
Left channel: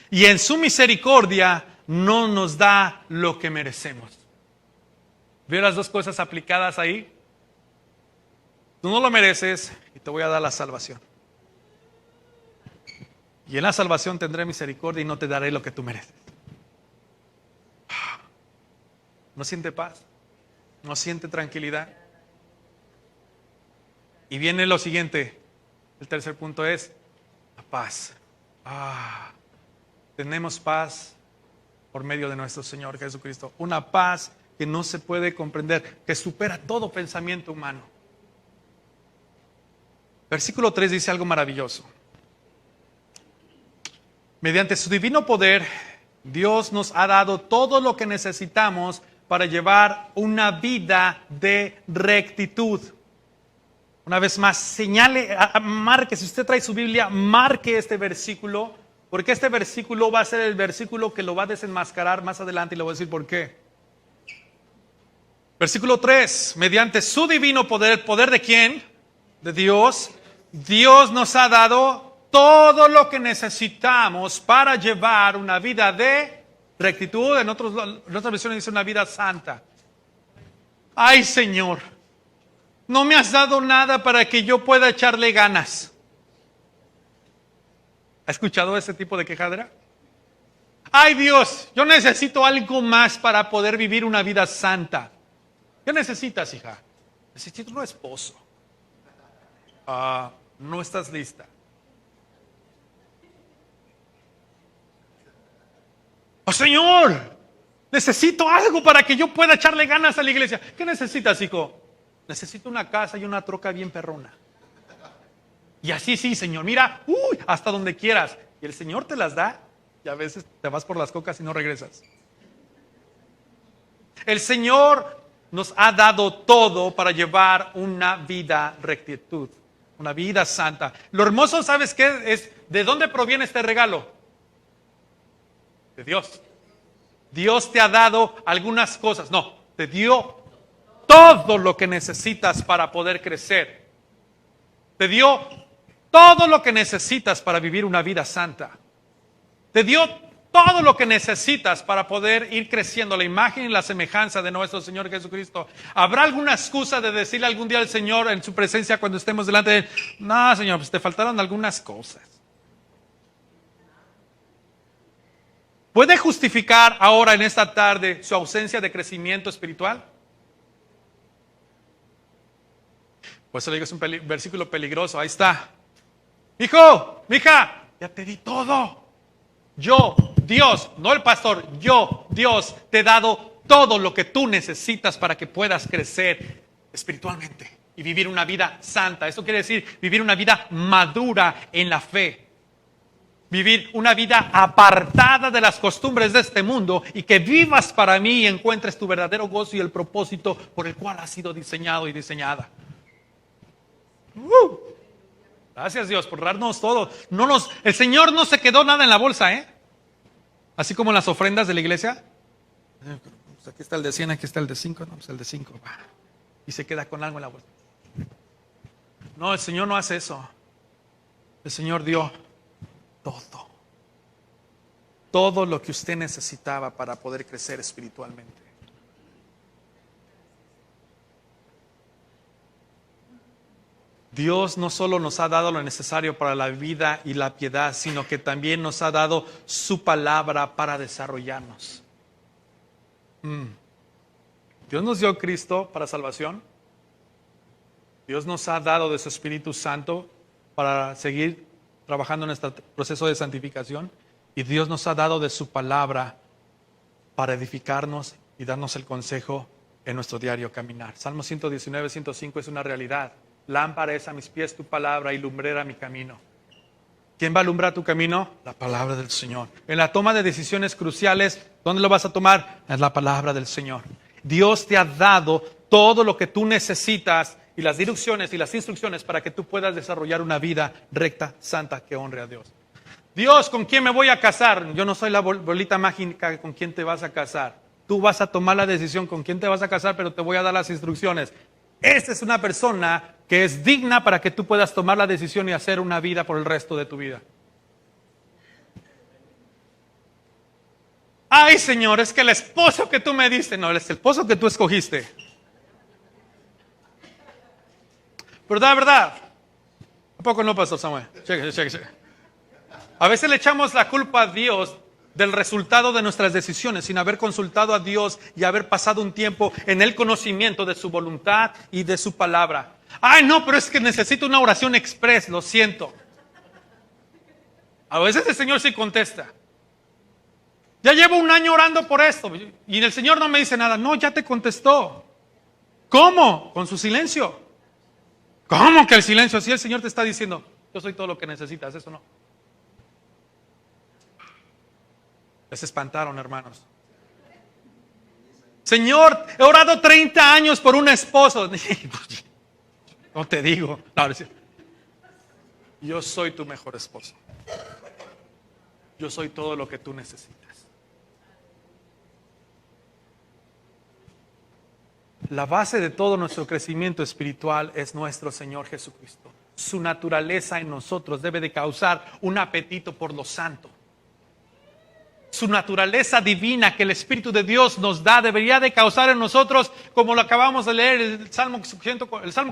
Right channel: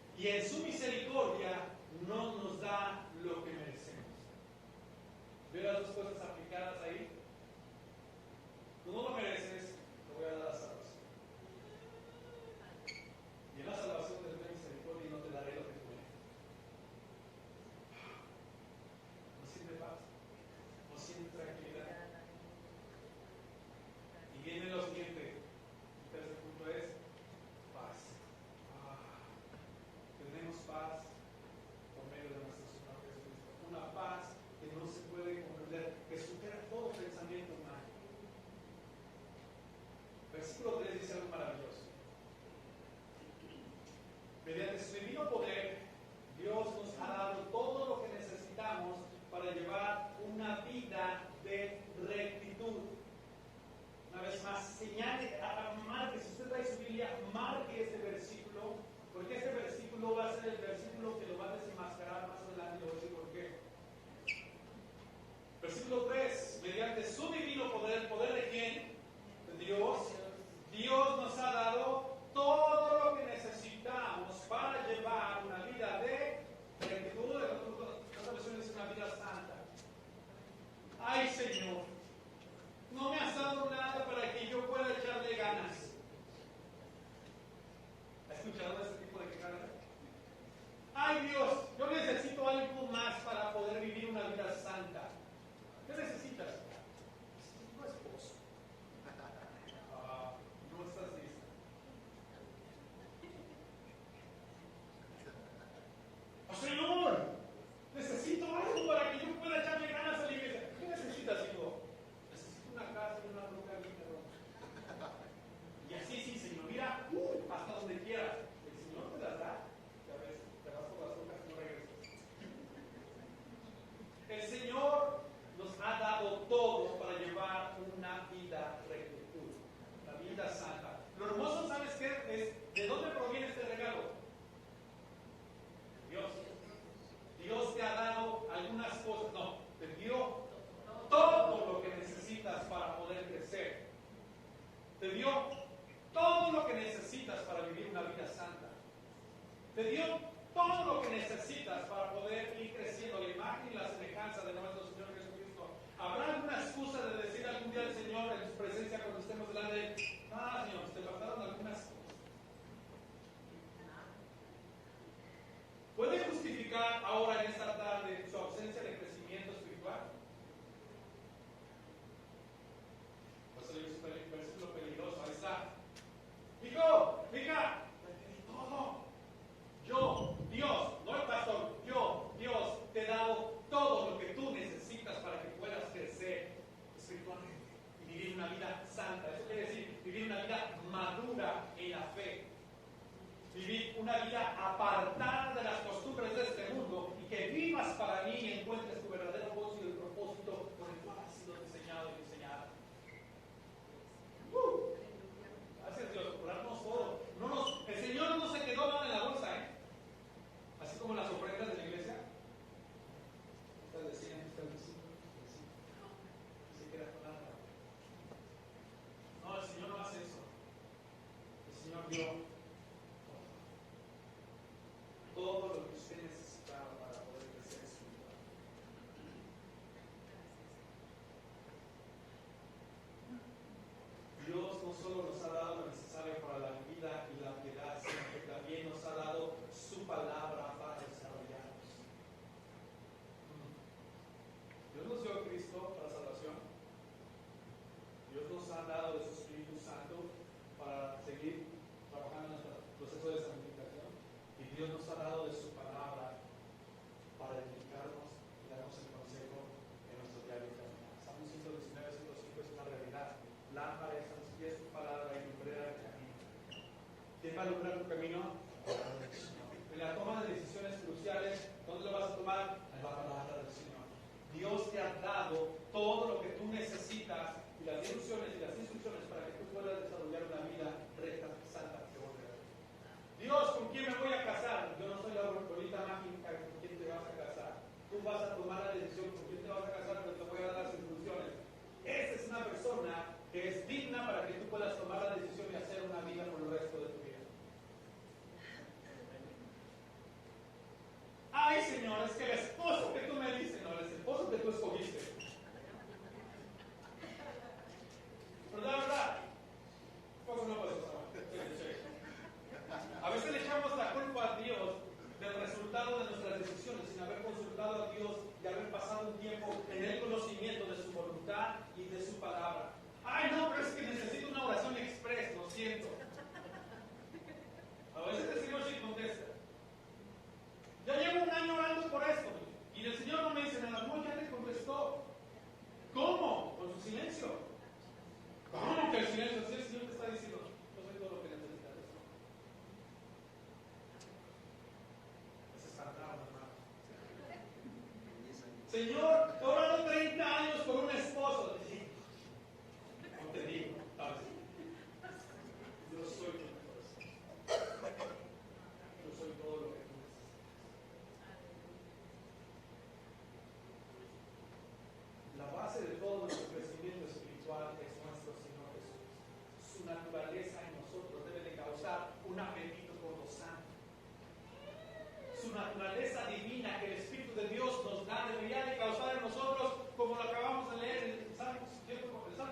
Y en su misericordia no nos da lo que merecemos. ¿Veo las dos cosas aplicadas ahí? Tú no lo mereces y te voy a dar la salvación. Y en la salvación tendré misericordia y no te daré lo que tú mereces. ¿No siente paz? ¿No siente tranquilidad? Y viene lo siguiente. El tercer punto es la paz. Tenemos paz por medio de nuestro Señor Jesucristo. Una paz que no se puede comprender, que supera todo pensamiento humano. Versículo 3 dice algo maravilloso. Mediante su divino poder, Dios nos ha dado todo lo que necesitamos para llevar una vida de rectitud. Una vez más, señale, marque, si usted trae su Biblia, marque este versículo, porque este versículo va a ser el versículo que lo va a desenmascarar más adelante y le voy a decir por qué. Versículo 3, mediante su divino poder, ¿el poder de quién? De Dios. Dios nos ha dado todo lo que necesitamos para llevar una vida de rectitud. En otras versiones dice una vida santa. Ay, Señor, no me has dado nada para que yo pueda echarle ganas. ¿Ha escuchado ese tipo de quejadera? Ay, Dios, yo necesito algo más para poder vivir una vida santa. ¿Qué necesitas, hija? Necesito un esposo. No estás lista. Oh, Señor, necesito algo para que yo pueda echarle ganas a la iglesia. ¿Qué necesitas, hijo? Necesito una casa y una troca bien perrona. Y así sí, Señor, mira, hasta donde quieras. Y el Señor te las da y a veces te vas por las cocas y no regresas. El Señor nos ha dado todo para llevar una vida rectitud, una vida santa. Lo hermoso, ¿sabes qué es? ¿De dónde proviene este regalo? De Dios. Dios te ha dado algunas cosas. No, te dio todo lo que necesitas para poder crecer. Te dio todo lo que necesitas para vivir una vida santa. Te dio todo lo que necesitas para poder ir creciendo a la imagen y la semejanza de nuestro Señor Jesucristo. ¿Habrá alguna excusa de decirle algún día al Señor en su presencia cuando estemos delante de Él? No, Señor, pues te faltaron algunas cosas. ¿Puede justificar ahora en esta tarde su ausencia de crecimiento espiritual? Por eso le digo, es un versículo peligroso. Ahí está. Hijo, mija, ya te di todo. Yo, Dios, no el pastor, yo, Dios, te he dado todo lo que tú necesitas para que puedas crecer espiritualmente y vivir una vida santa. Eso quiere decir vivir una vida madura en la fe. vivir una vida apartada de las costumbres de este mundo y que vivas para mí y encuentres tu verdadero gozo y el propósito por el cual has sido diseñado y diseñada. Gracias Dios por darnos todo. El Señor no se quedó nada en la bolsa, ¿eh? Así como en las ofrendas de la iglesia. Pues aquí está el de 100, aquí está el de 5, no, pues el de 5. Y se queda con algo en la bolsa. No, el Señor no hace eso. El Señor dio todo. Todo lo que usted necesitaba para poder crecer espiritualmente. Dios no solo nos ha dado lo necesario para la vida y la piedad, sino que también nos ha dado su palabra para desarrollarnos. Dios nos dio a Cristo para salvación. Dios nos ha dado de su Espíritu Santo para seguir trabajando en este proceso de santificación. Y Dios nos ha dado de su palabra para edificarnos y darnos el consejo en nuestro diario caminar. Salmo 119, 105 es una realidad. Lámpara es a mis pies tu palabra y lumbrera mi camino. ¿Quién va a alumbrar tu camino? La palabra del Señor. En la toma de decisiones cruciales, ¿dónde lo vas a tomar? Es la palabra del Señor. Dios te ha dado todo lo que tú necesitas y las direcciones y las instrucciones para que tú puedas desarrollar una vida recta, santa, que honre a Dios. Dios, ¿con quién me voy a casar? Yo no soy la bolita mágica con quién te vas a casar. Tú vas a tomar la decisión con quién te vas a casar, pero te voy a dar las instrucciones. Esta es una persona que es digna para que tú puedas tomar la decisión y hacer una vida por el resto de tu vida. Ay, Señor, es que el esposo que tú me diste, no, es el esposo que tú escogiste. ¿Verdad, verdad? ¿A poco no, Pastor Samuel? Cheque. A veces le echamos la culpa a Dios del resultado de nuestras decisiones sin haber consultado a Dios y haber pasado un tiempo en el conocimiento de su voluntad y de su palabra. Ay, no, pero es que necesito una oración express, lo siento. A veces el Señor sí contesta. Ya llevo un año orando por esto y el Señor no me dice nada. No, ya te contestó. ¿Cómo? Con su silencio. ¿Cómo que el silencio? Si el Señor te está diciendo, yo soy todo lo que necesitas, eso no. Les espantaron, hermanos. Señor, he orado 30 años por un esposo. No te digo. No, yo soy tu mejor esposo. Yo soy todo lo que tú necesitas. La base de todo nuestro crecimiento espiritual es nuestro Señor Jesucristo. Su naturaleza en nosotros debe de causar un apetito por lo santo. Su naturaleza divina que el Espíritu de Dios nos da debería de causar en nosotros, como lo acabamos de leer, el Salmo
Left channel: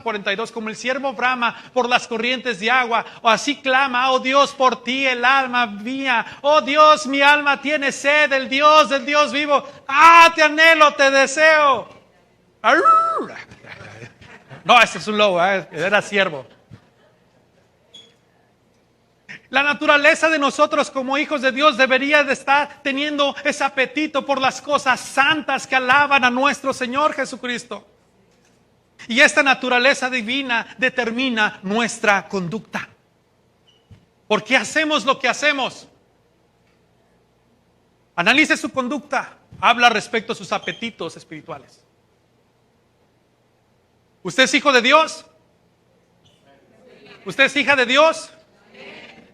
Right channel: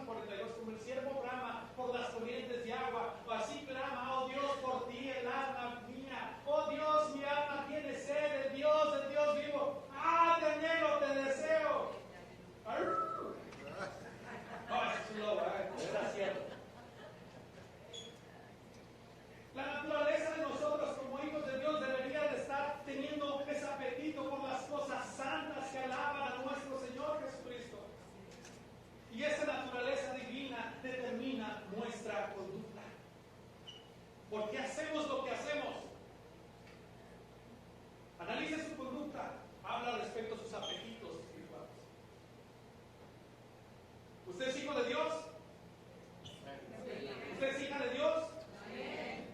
42, como el siervo brama por las corrientes de agua, o así clama, oh Dios, por ti el alma mía, oh Dios, mi alma tiene sed del Dios vivo, te anhelo, te deseo. No, ese es un lobo, era siervo. La naturaleza de nosotros como hijos de Dios debería de estar teniendo ese apetito por las cosas santas que alaban a nuestro Señor Jesucristo. Y esta naturaleza divina determina nuestra conducta. ¿Por qué hacemos lo que hacemos? Analice su conducta. Habla respecto a sus apetitos espirituales. ¿Usted es hijo de Dios? ¿Usted es hija de Dios?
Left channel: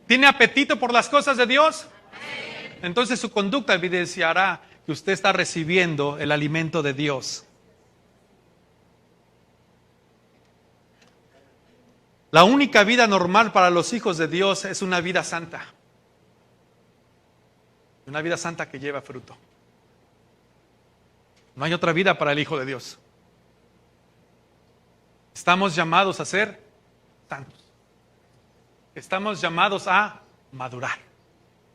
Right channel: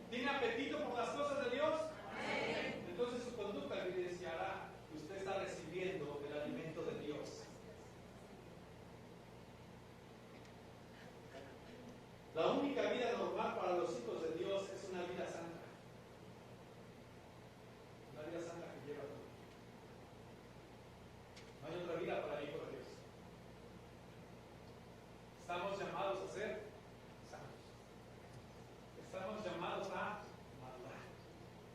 ¿Tiene apetito por las cosas de Dios? Entonces su conducta evidenciará que usted está recibiendo el alimento de Dios. La única vida normal para los hijos de Dios es una vida santa. Una vida santa que lleva fruto. No hay otra vida para el hijo de Dios. Estamos llamados a ser santos. Estamos llamados a madurar.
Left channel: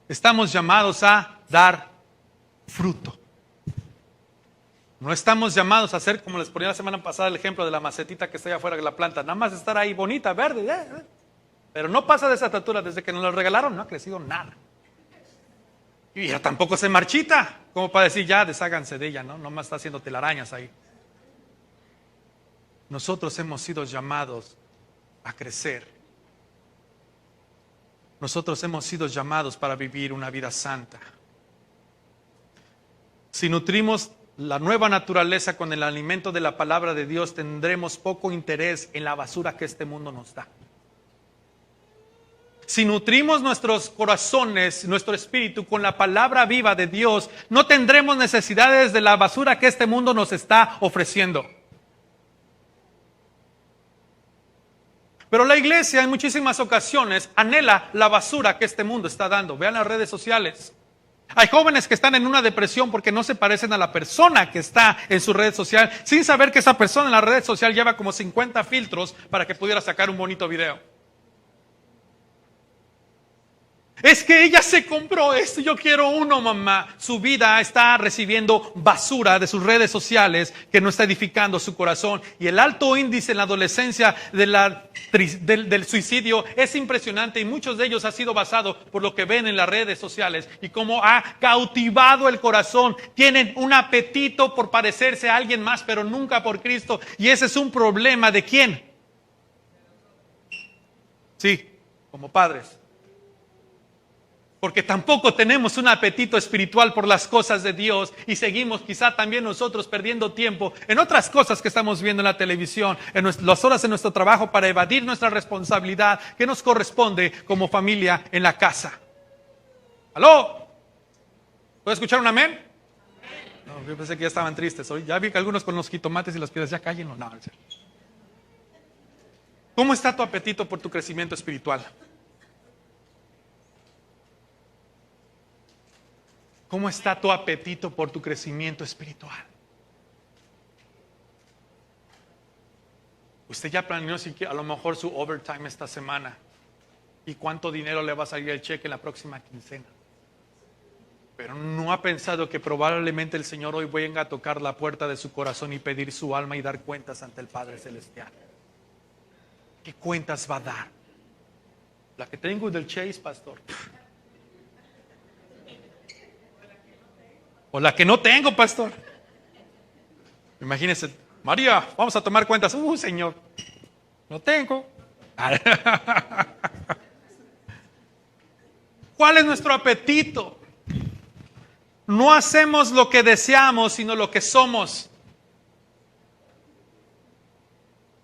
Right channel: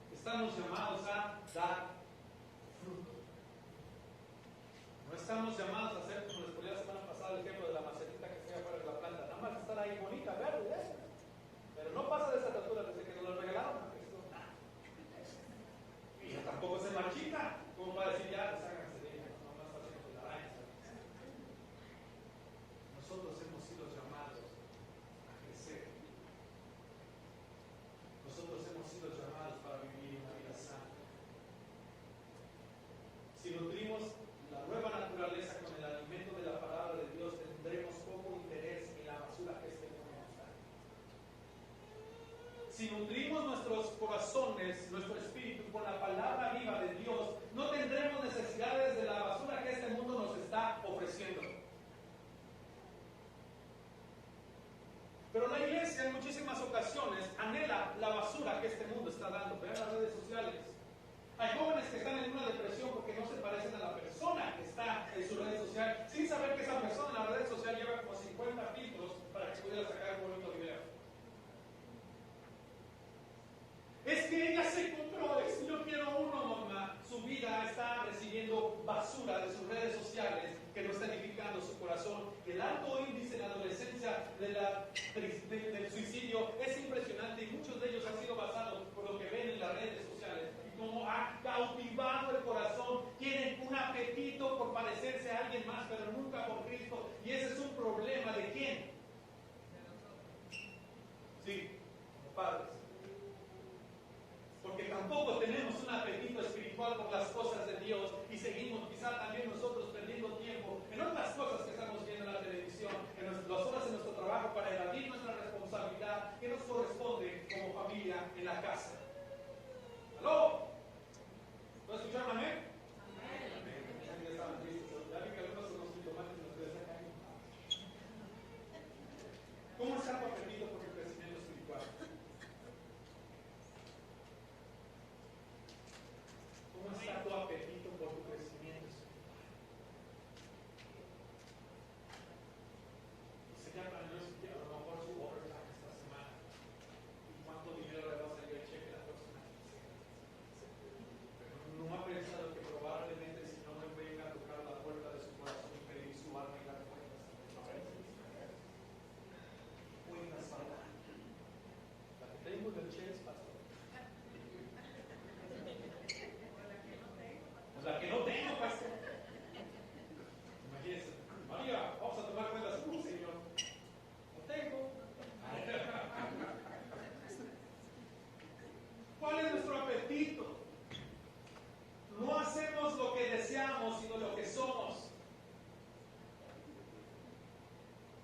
Estamos llamados a dar fruto. No estamos llamados a ser, como les ponía la semana pasada el ejemplo de la macetita que está allá afuera de la planta, nada más estar ahí bonita, verde, pero no pasa de esa estatura. Desde que nos la regalaron no ha crecido nada. Y ya tampoco se marchita, como para decir ya desháganse de ella, ¿no? Nomás está haciendo telarañas ahí. Nosotros hemos sido llamados a crecer nosotros hemos sido llamados para vivir una vida santa. Si nutrimos la nueva naturaleza con el alimento de la palabra de Dios, tendremos poco interés en la basura que este mundo nos da. Si nutrimos nuestros corazones, nuestro espíritu con la palabra viva de Dios, no tendremos necesidades de la basura que este mundo nos está ofreciendo. Pero la iglesia en muchísimas ocasiones anhela la basura que este mundo está dando. Vean las redes sociales. Hay jóvenes que están en una depresión porque no se parecen a la persona que está en su red social, sin saber que esa persona en la red social lleva como 50 filtros para que pudiera sacar un bonito video. Es que ella se compró esto, yo quiero uno, mamá. Su vida está recibiendo basura de sus redes sociales que no está edificando su corazón. Y el alto índice en la adolescencia del suicidio es impresionante, y muchos de ellos ha sido basado por lo que ven en las redes sociales y cómo ha cautivado el corazón. Tienen un apetito por parecerse a alguien más, pero nunca por Cristo. Y ese es un problema ¿de quién? Sí, como padres. Porque tampoco tenemos un apetito espiritual por las cosas de Dios y seguimos quizá también nosotros perdiendo tiempo en otras cosas que estamos viendo en la televisión, en las horas de nuestro trabajo, para evadir nuestra responsabilidad que nos corresponde como familia en la casa. ¿Aló? ¿Puedo escuchar un amén? No, yo pensé que ya estaban tristes. Ya vi que algunos con los jitomates y las piedras ya cállenlo. No. ¿Cómo está tu apetito por tu crecimiento espiritual? ¿Cómo está tu apetito por tu crecimiento espiritual? Usted ya planeó a lo mejor su overtime esta semana y cuánto dinero le va a salir el cheque en la próxima quincena. Pero no ha pensado que probablemente el Señor hoy venga a tocar la puerta de su corazón y pedir su alma y dar cuentas ante el Padre Celestial. ¿Qué cuentas va a dar? La que tengo del Chase, pastor. O la que no tengo, pastor. Imagínense, María, vamos a tomar cuentas. Señor, no tengo. ¿Cuál es nuestro apetito? No hacemos lo que deseamos, sino lo que somos.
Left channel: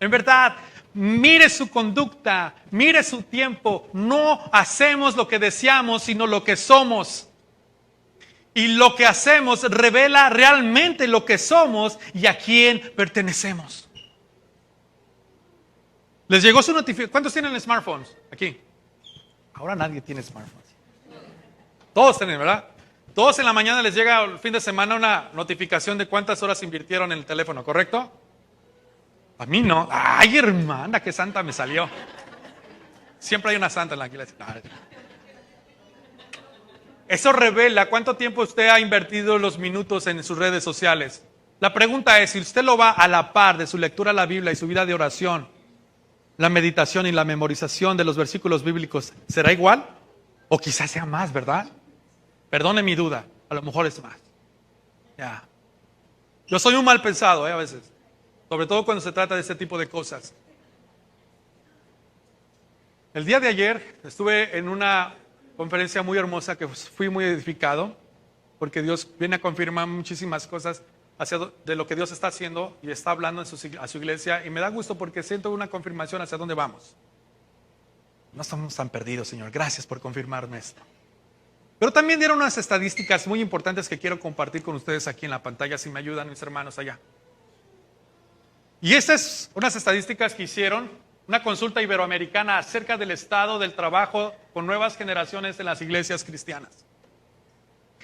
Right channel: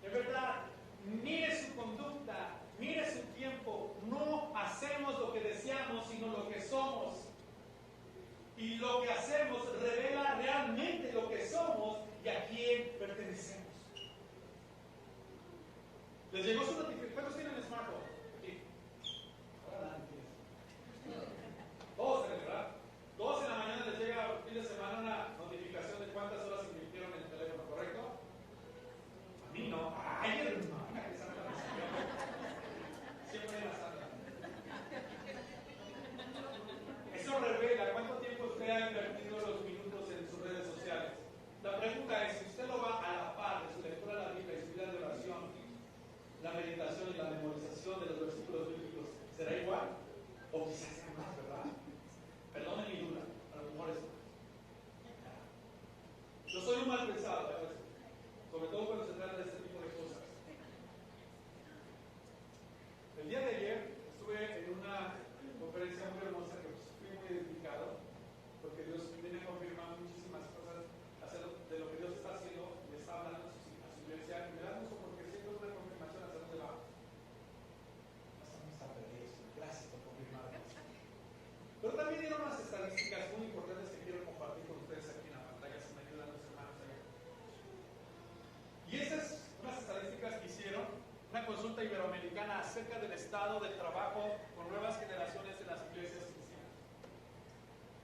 En verdad, mire su conducta, mire su tiempo. No hacemos lo que deseamos, sino lo que somos. Y lo que hacemos revela realmente lo que somos y a quién pertenecemos. ¿Les llegó su notificación? ¿Cuántos tienen smartphones aquí? Ahora nadie tiene smartphones. Todos tienen, ¿verdad? Todos en la mañana les llega el fin de semana una notificación de cuántas horas invirtieron en el teléfono, ¿correcto? A mí no. Ay, hermana, qué santa me salió. Siempre hay una santa en la iglesia. Eso revela cuánto tiempo usted ha invertido los minutos en sus redes sociales. La pregunta es, si usted lo va a la par de su lectura de la Biblia y su vida de oración, la meditación y la memorización de los versículos bíblicos, ¿será igual? O quizás sea más, ¿verdad? Perdone mi duda, a lo mejor es más. Ya. Yo soy un mal pensado, a veces, sobre todo cuando se trata de este tipo de cosas. El día de ayer estuve en una conferencia muy hermosa que fui muy edificado, porque Dios viene a confirmar muchísimas cosas de lo que Dios está haciendo y está hablando a su iglesia, y me da gusto porque siento una confirmación hacia dónde vamos. No estamos tan perdidos, Señor. Gracias por confirmarme esto. Pero también dieron unas estadísticas muy importantes que quiero compartir con ustedes aquí en la pantalla, si me ayudan mis hermanos allá. Y estas unas estadísticas que hicieron una consulta iberoamericana acerca del estado del trabajo con nuevas generaciones en las iglesias cristianas.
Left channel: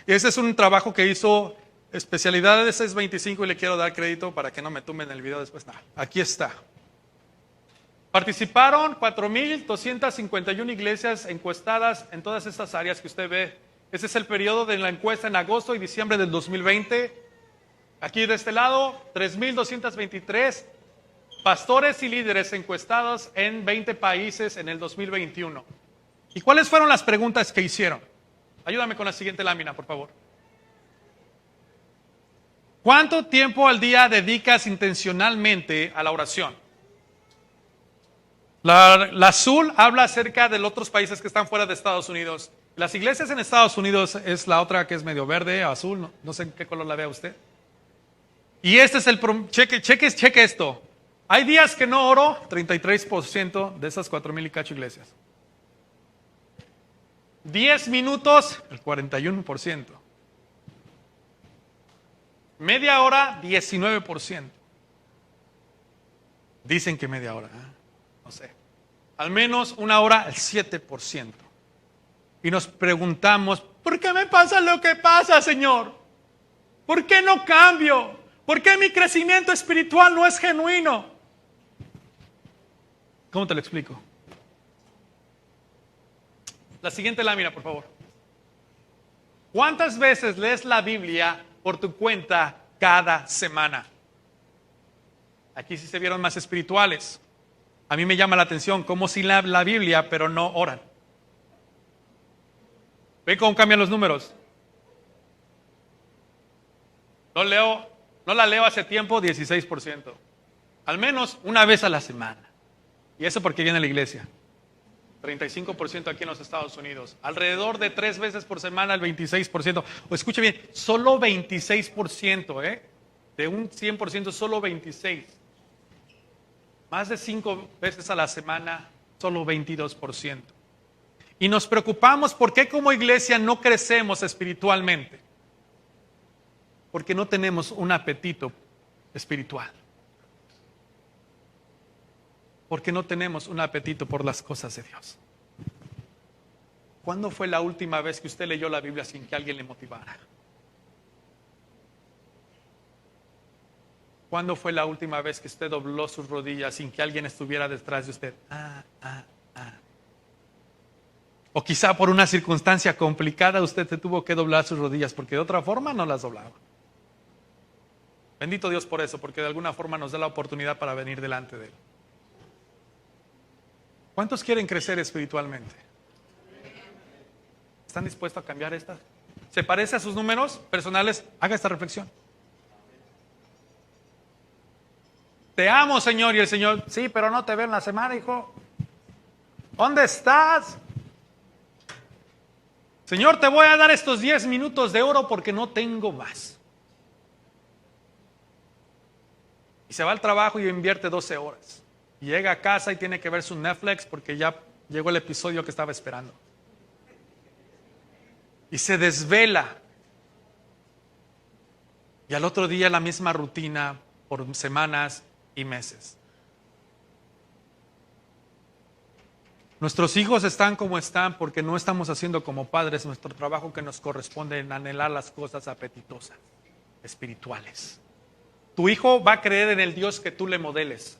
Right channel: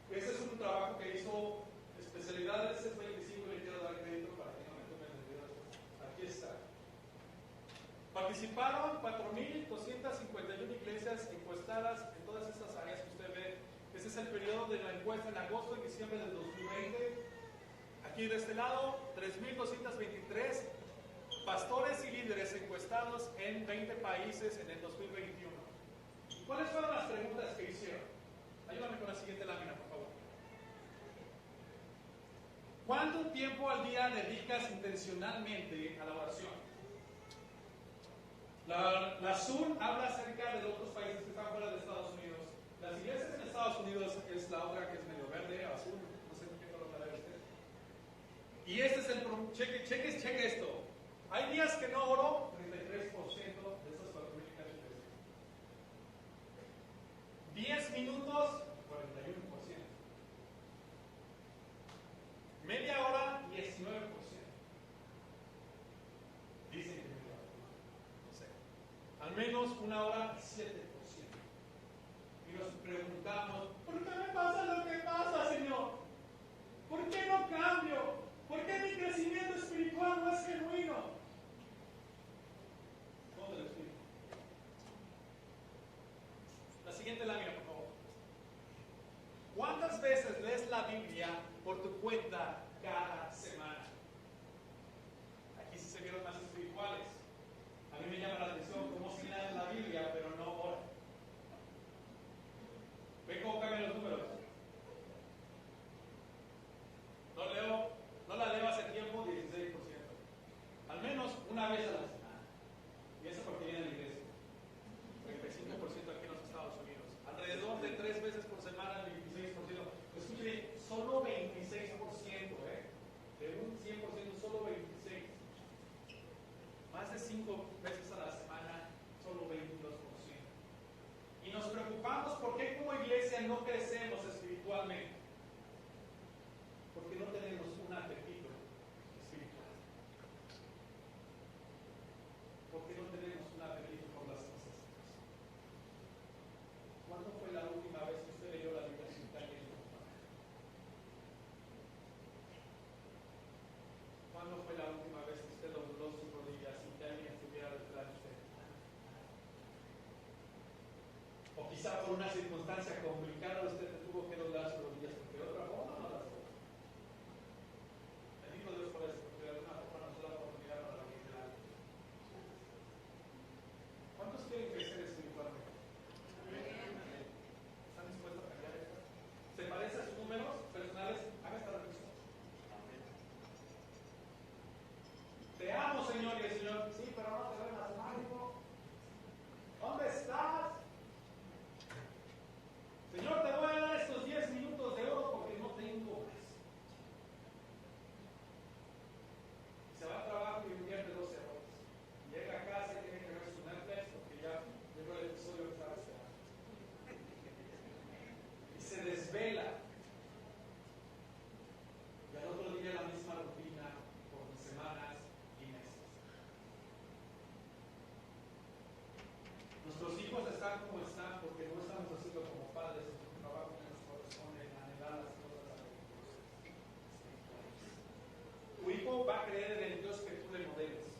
Y ese es un trabajo que hizo Especialidad de 625, y le quiero dar crédito para que no me tumben el video después. Aquí está. Participaron 4,251 iglesias encuestadas en todas estas áreas que usted ve. Ese es el periodo de la encuesta en agosto y diciembre del 2020. Aquí de este lado, 3,223 pastores y líderes encuestados en 20 países en el 2021. ¿Y cuáles fueron las preguntas que hicieron? Ayúdame con la siguiente lámina, por favor. ¿Cuánto tiempo al día dedicas intencionalmente a la oración? La azul habla acerca de los otros países que están fuera de Estados Unidos. Las iglesias en Estados Unidos es la otra que es medio verde, azul, no sé en qué color la vea usted. Y este es cheque esto. Hay días que no oro, 33% de esas 4,000 y cacho iglesias. 10 minutos, el 41%. Media hora, 19%. Dicen que media hora, no sé. Al menos una hora, el 7%. Y nos preguntamos, ¿por qué me pasa lo que pasa, Señor? ¿Por qué no cambio? ¿Por qué mi crecimiento espiritual no es genuino? ¿Cómo te lo explico? La siguiente lámina, por favor. ¿Cuántas veces lees la Biblia por tu cuenta cada semana? Aquí sí se vieron más espirituales. A mí me llama la atención cómo sí leen la Biblia, pero no oran. ¿Ven cómo cambian los números? No la leo hace tiempo, 16%. Al menos una vez a la semana. Y eso porque viene a la iglesia. 35% aquí en los Estados Unidos. Alrededor de 3 veces por semana, el 26%. O escuche bien, solo 26%, de un 100%, solo 26%. Más de 5 veces a la semana, solo 22%. Y nos preocupamos por qué como iglesia no crecemos espiritualmente. Porque no tenemos un apetito espiritual. Porque no tenemos un apetito por las cosas de Dios. ¿Cuándo fue la última vez que usted leyó la Biblia sin que alguien le motivara? ¿Cuándo fue la última vez que usted dobló sus rodillas sin que alguien estuviera detrás de usted? O quizá por una circunstancia complicada usted se tuvo que doblar sus rodillas porque de otra forma no las doblaba. Bendito Dios por eso, porque de alguna forma nos da la oportunidad para venir delante de Él. ¿Cuántos quieren crecer espiritualmente? ¿Están dispuestos a cambiar esta? ¿Se parece a sus números personales? Haga esta reflexión. Te amo, Señor. Y el Señor, sí, pero no te veo en la semana, hijo. ¿Dónde estás? Señor, te voy a dar estos 10 minutos de oro porque no tengo más. Y se va al trabajo y invierte 12 horas. Y llega a casa y tiene que ver su Netflix porque ya llegó el episodio que estaba esperando. Y se desvela. Y al otro día la misma rutina por semanas y meses. Nuestros hijos están como están porque no estamos haciendo como padres nuestro trabajo que nos corresponde en anhelar las cosas apetitosas, espirituales. Tu hijo va a creer en el Dios que tú le modeles.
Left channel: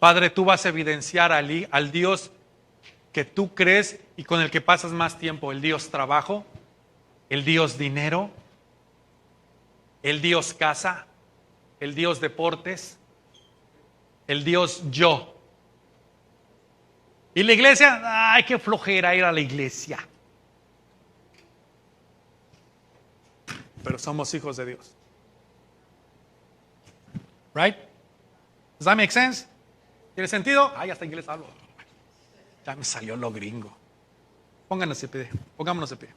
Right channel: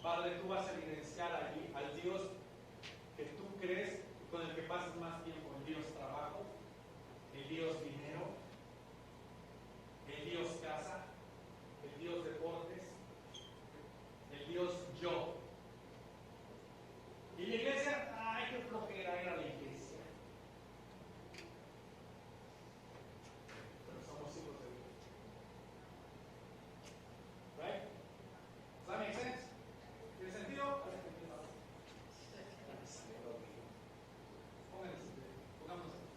Padre, tú vas a evidenciar al Dios que tú crees y con el que pasas más tiempo, el Dios trabajo, el Dios dinero, el Dios casa, el Dios deportes, el Dios yo. Y la iglesia, ay, qué flojera ir a la iglesia. Pero somos hijos de Dios. Right? Does that make sense? ¿Tiene sentido? Ay, hasta inglés hablo. Ya me salió lo gringo. Pónganos de pie. Pongámonos de pie.